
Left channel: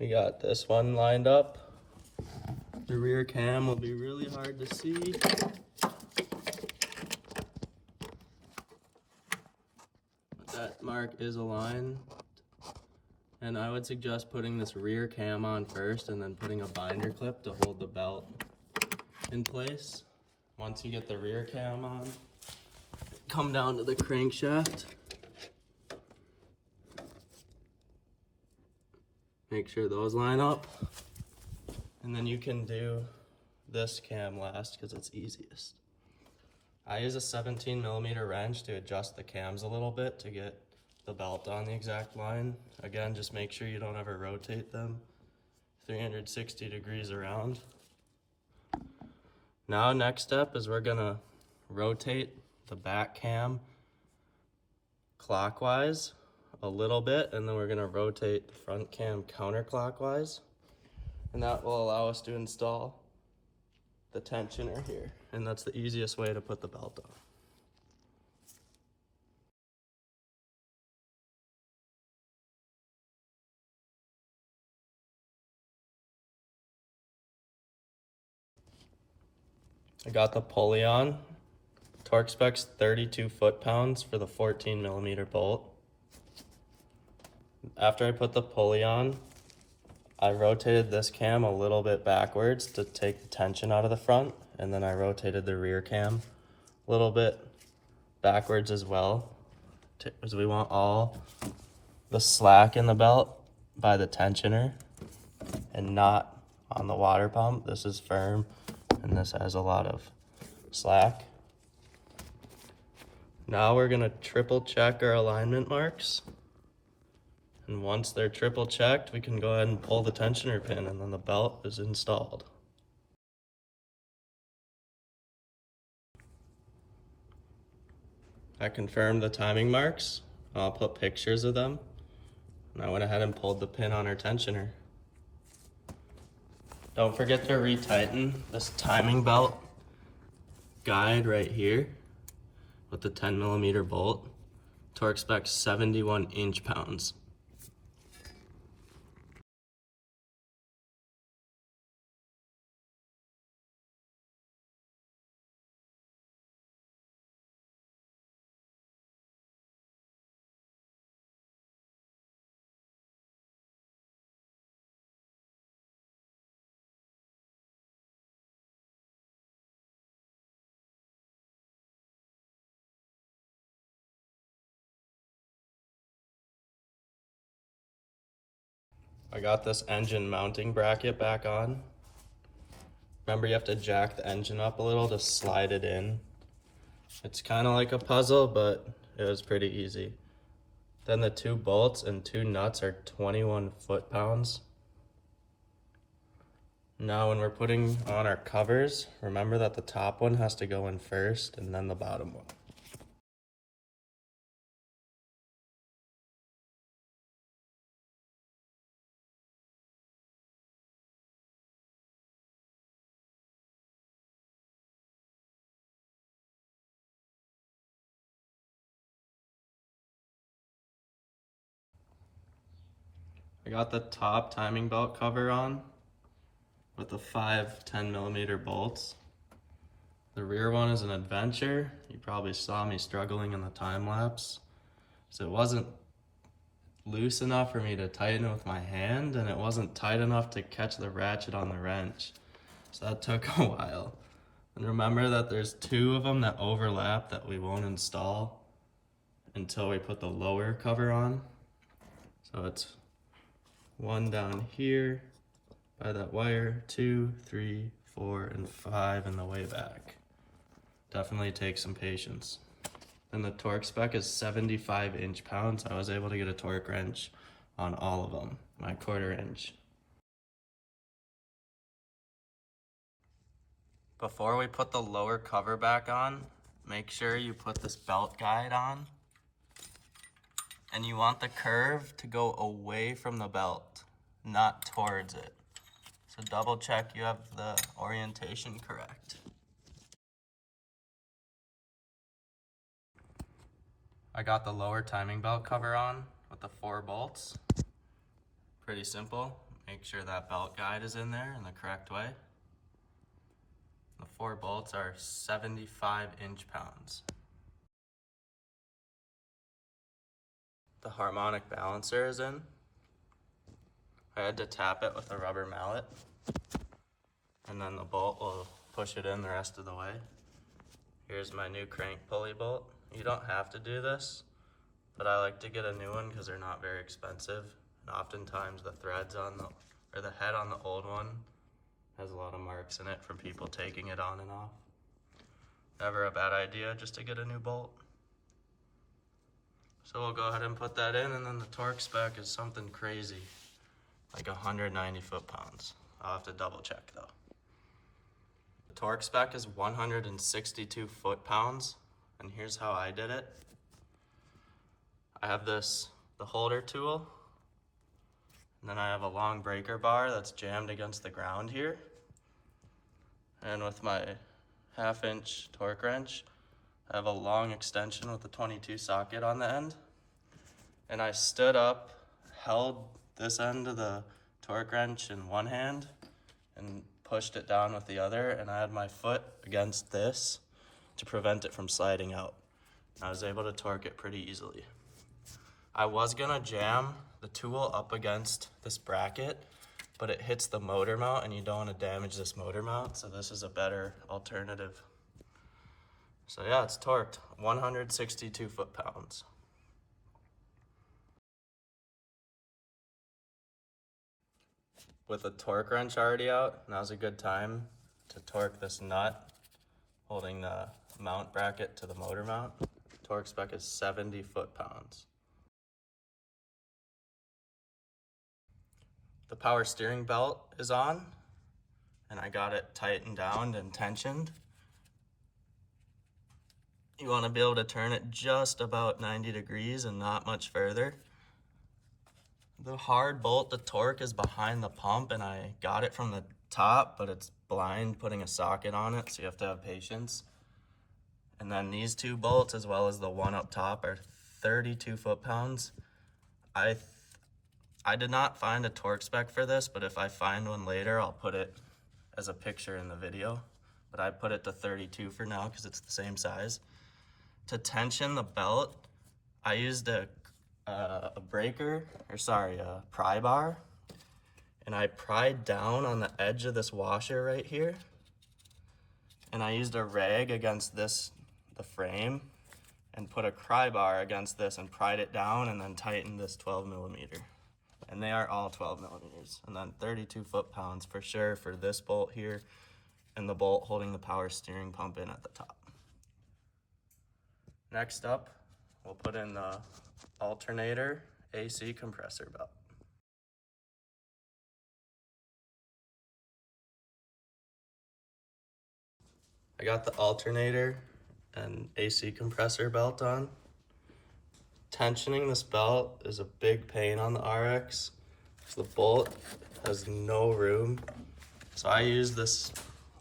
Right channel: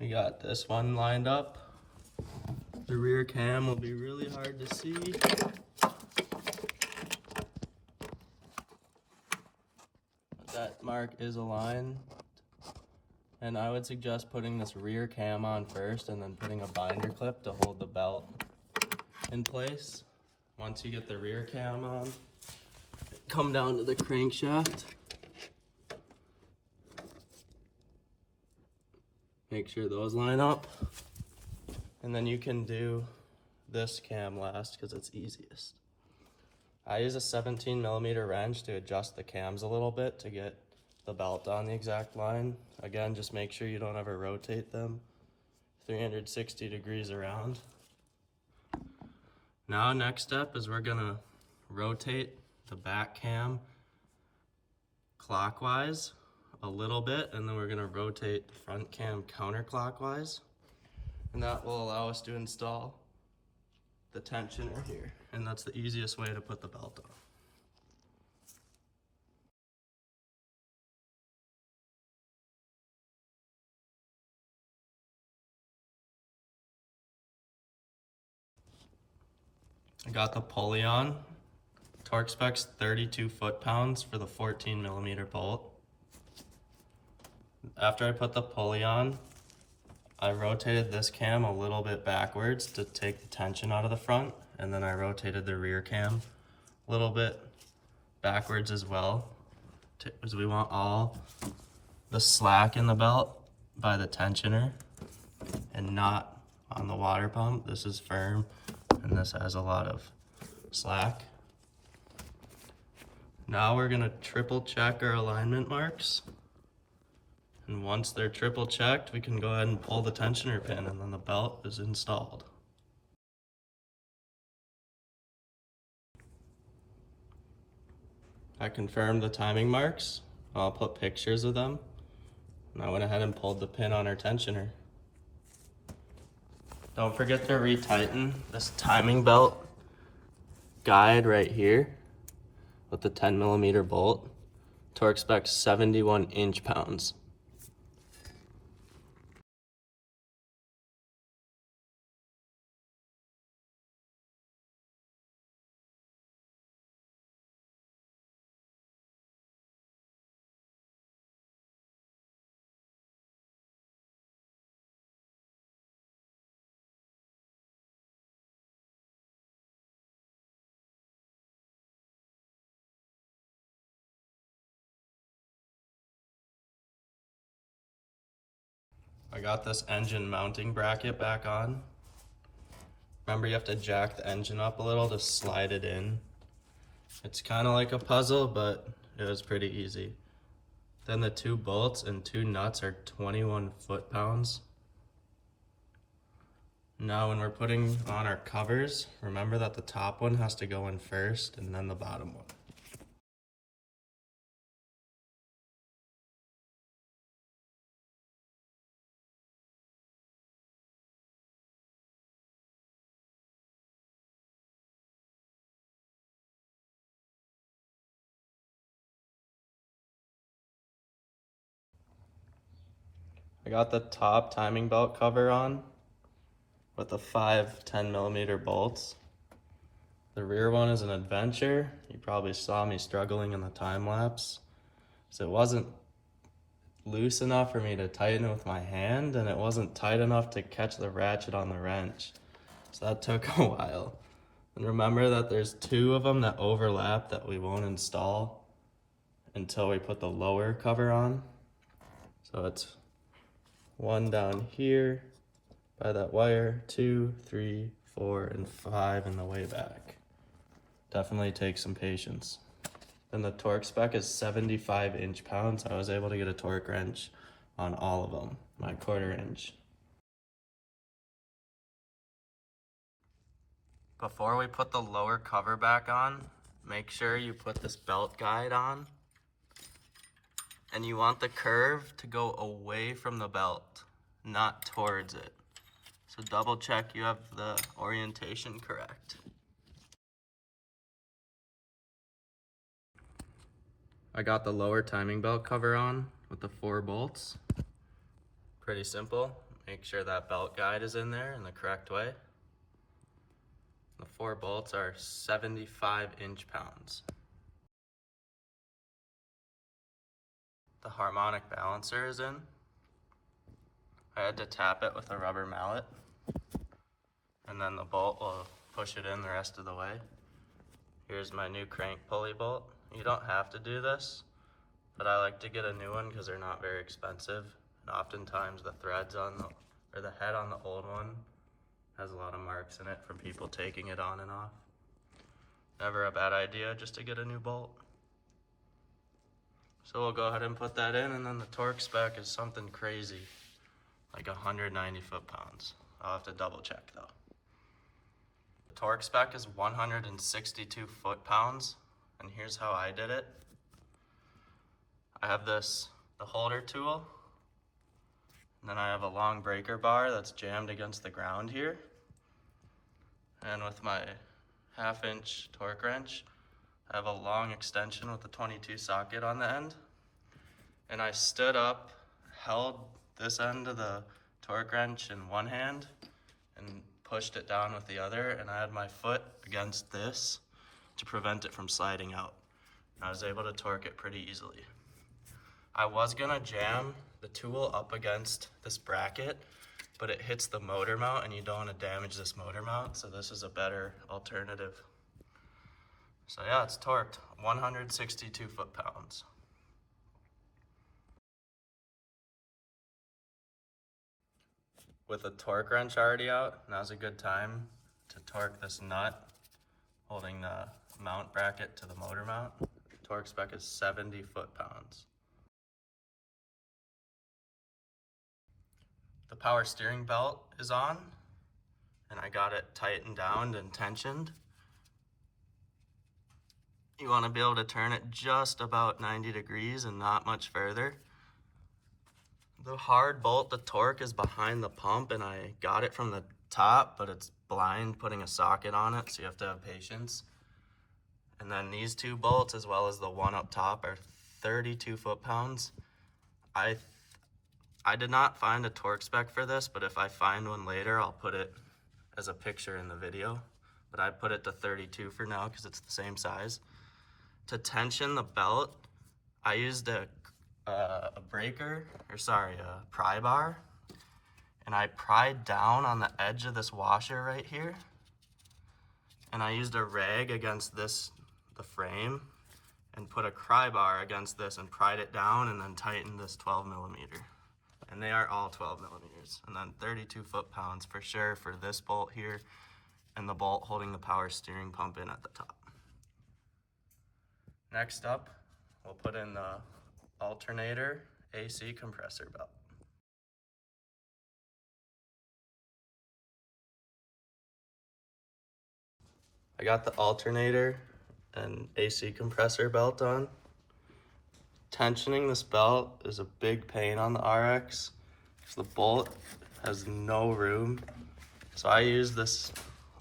We got this one lined up. The rear cam will be really hard to see. But that mark is aligned. And I would suggest putting this rear cam on first and then putting a binder clip to hold the belt in place. Once you get the rear cam on, come down to the crankshaft. Make sure those line up, and then you can do this cam last because it's easiest. I use a 17mm wrench to adjust the cams a little bit to get the belt on the exact line. Again, just make sure you don't ever rotate them 360 degrees around. Now, next step is we're gonna rotate the back cam clockwise a little bit, and then we're going to rotate the front cam counterclockwise, and that will allow us to install the tensioner here, and that's the easiest way to put the belt on. I got the pulley on. Torque spec's 32 foot-pounds for the 14mm bolt. After I put the pulley on, I rotated this cam a little bit backwards to take the tension out of the front, and then I rotated the rear cam a little bit backwards as well, because we want all the slack in the belt by the tensioner and not on the water pump. This is firm and this has a lot of slack. Now we're gonna triple check our alignment marks. And once they're triple checked, we can go ahead and pull the tensioner pin and then the belt is installed. I confirmed the timing marks. I'll put pictures of them. And I went ahead and pulled the pin on our tensioner. Don't forget to retighten this timing belt guide right here with the 10mm bolt. Torque spec 71 inch-pounds. I got this engine mounting bracket back on. Remember, you have to jack the engine up a little to slide it in. It's kind of like a puzzle, but it was pretty easy. Then the 2 bolts and 2 nuts are 21 foot-pounds. Now when we're putting on our covers, remember that the top one has to go in first and then the bottom one. I got the top timing belt cover on with the 5 10mm bolts. The rear one is an adventure. You probably saw me struggling in the time lapse. So it wasn't loose enough for me to tighten it with my hand, and it wasn't tight enough to catch the ratchet on the wrench. So that took a while. And remember that there's 2 of them that overlap that we won't install until we put the lower cover on. So it's 1 down here by that wire, 2, 3, 4, and 5 in the way back. Definitely takes some patience. Then the torque spec is 75 inch-pounds. I was able to get a torque wrench on all of them, my 1/4 inch. Before we put the lower cover back on, make sure you put this belt guide on. And you want the curve to go away from the belt, not towards it. So double check you have the orientation correct. I got the lower timing belt cover on with the 4 bolts. Pretty simple. Make sure that belt guide is in there in the correct way. The 4 bolts are 75 inch-pounds. The harmonic balancer is in. I had to tap it with a rubber mallet, and then the bolt will push it in the rest of the way. Here's my new crank pulley bolt. You don't have to do this, but I like to get a new one because they're not very expensive. And oftentimes the threads on the head on the old one has a lot of marks in it from people taking it on and off. Never a bad idea just to get a new bolt. So we'll go ahead and put that in, and then the torque spec is something crazy, like 190 foot-pounds. I'll have to double check though. The torque spec is 162 foot-pounds, and here's how I did it. I have the holder tool, and then I have a long breaker bar that's jammed against the ground here. And with my 1/2 inch torque wrench, I have a long extension with a 22 socket on the end. And I stood up, held this end of the torque wrench in one hand and pushed it down with the other, and I had my foot against this to prevent it from sliding out. I was able to torque it pretty easily. I was gonna jam the tool up against this bracket, but it hits the motor mount and you don't wanna damage this motor mount, so this is a better alternative. So yeah, it's torqued, 162 foot-pounds. With the torque wrench already out, now's a good time to torque this nut holding the mount bracket to the motor mount Torque spec is 70 foot-pounds. The power steering belt is on, and I got it tightened down and tensioned. You want to be able to turn it just about 90 degrees and not much further. The hard bolt, the torque is behind the pump, and I got it from the top, but it's blind putting a socket on it, so you have to have patience. And then these two bolts, as well as the one up top, are 32 foot-pounds. I did not find a torque spec for this, but if I find one later, I'll put it as a picture in the video. But I put it to 32 for now because it's the same size. To tension the belt, I used a pry bar, and I pried down on the edge of this washer right here, and I used a rag against the frame, and put a pry bar against this and pried it down, and then tightened this 12 millimeter. And they are all 12 millimeters. And then 32 foot-pounds for sure for this bolt here, and the bolt holding the power steering pump in at the top. Next up, we'll put in the Alternator AC compressor belt. I got the alternator and AC compressor belt on. Tensioning this belt is a big pain on the RX. The bolt has no room. So I use this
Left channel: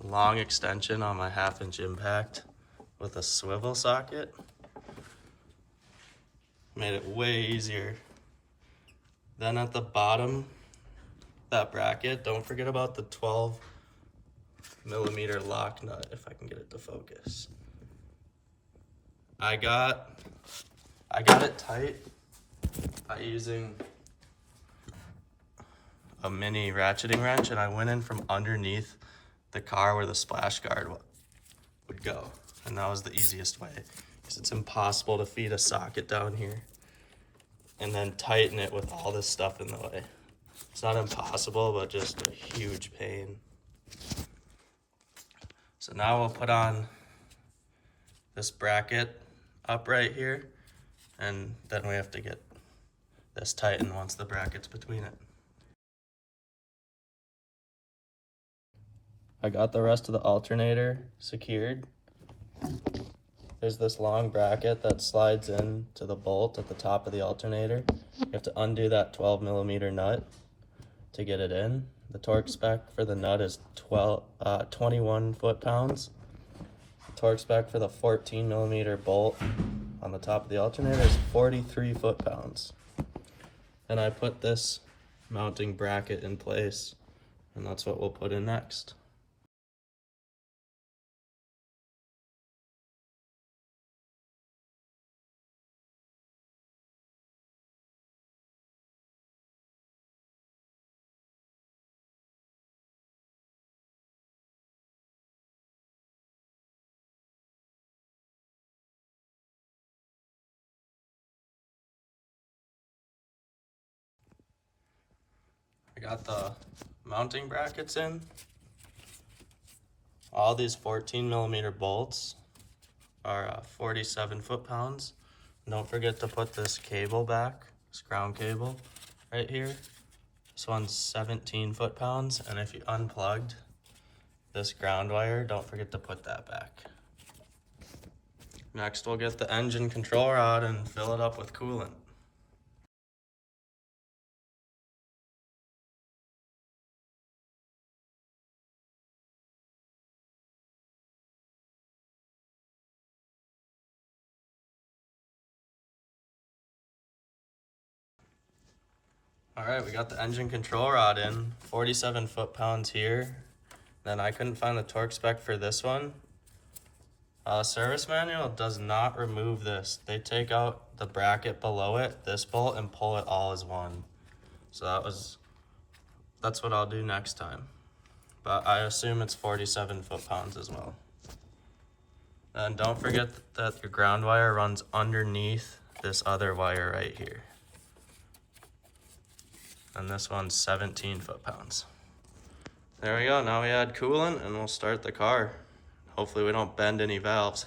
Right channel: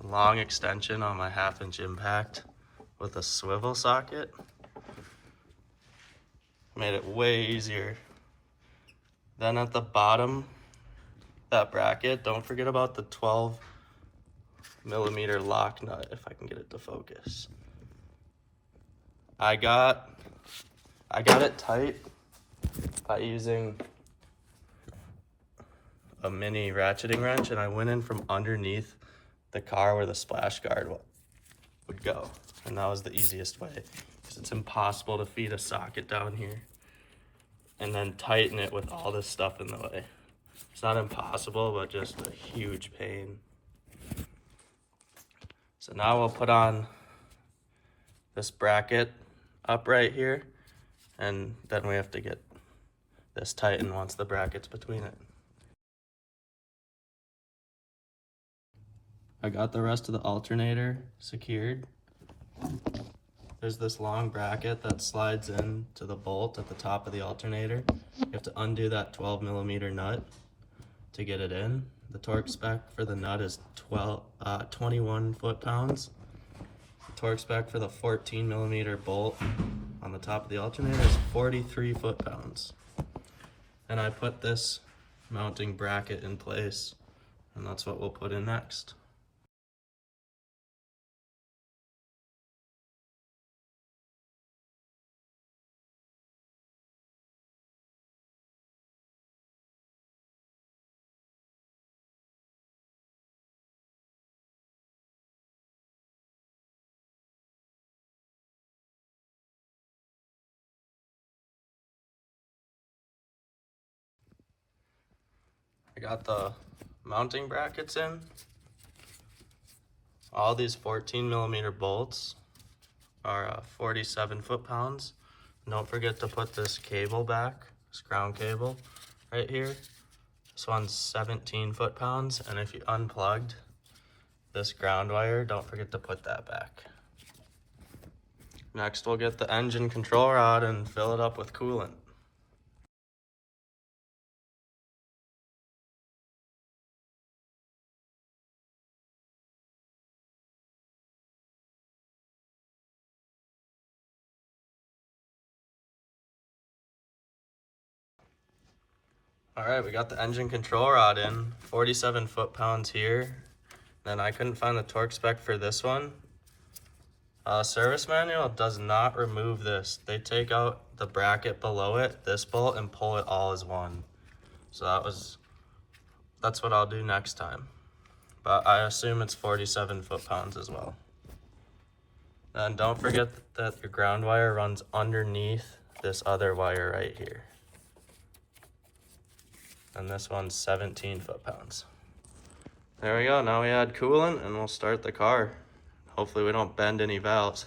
long extension on my 1/2-inch impact with a swivel socket. Made it way easier. Then at the bottom, that bracket, don't forget about the 12 millimeter lock nut, if I can get it to focus. I got it tight by using a mini ratcheting wrench, and I went in from underneath the car where the splash guard would go. And that was the easiest way, because it's impossible to feed a socket down here and then tighten it with all this stuff in the way. It's not impossible, but just a huge pain. So now we'll put on this bracket up right here, and then we have to get this tightened once the bracket's between it. I got the rest of the alternator secured. There's this long bracket that slides into the bolt at the top of the alternator. You have to undo that 12 millimeter nut to get it in. The torque spec for the nut is 21 foot-pounds. The torque spec for the 14 millimeter bolt on the top of the alternator is 43 foot-pounds. And I put this mounting bracket in place, and that's what we'll put in next. I got the mounting brackets in. All these 14 millimeter bolts are 47 foot-pounds. Don't forget to put this cable back, this ground cable right here. This one's 17 foot-pounds, and if you unplugged this ground wire, don't forget to put that back. Next, we'll get the engine control rod and fill it up with coolant. All right, we got the engine control rod in, 47 foot-pounds here. Then I couldn't find the torque spec for this one. Service manual does not remove this. They take out the bracket below it, this bolt, and pull it all as one. So that's what I'll do next time. But I assume it's 47 foot-pounds as well. And don't forget that your ground wire runs underneath this other wire right here. And this one's 17 foot-pounds. There we go, now we add coolant and we'll start the car. Hopefully we don't bend any valves.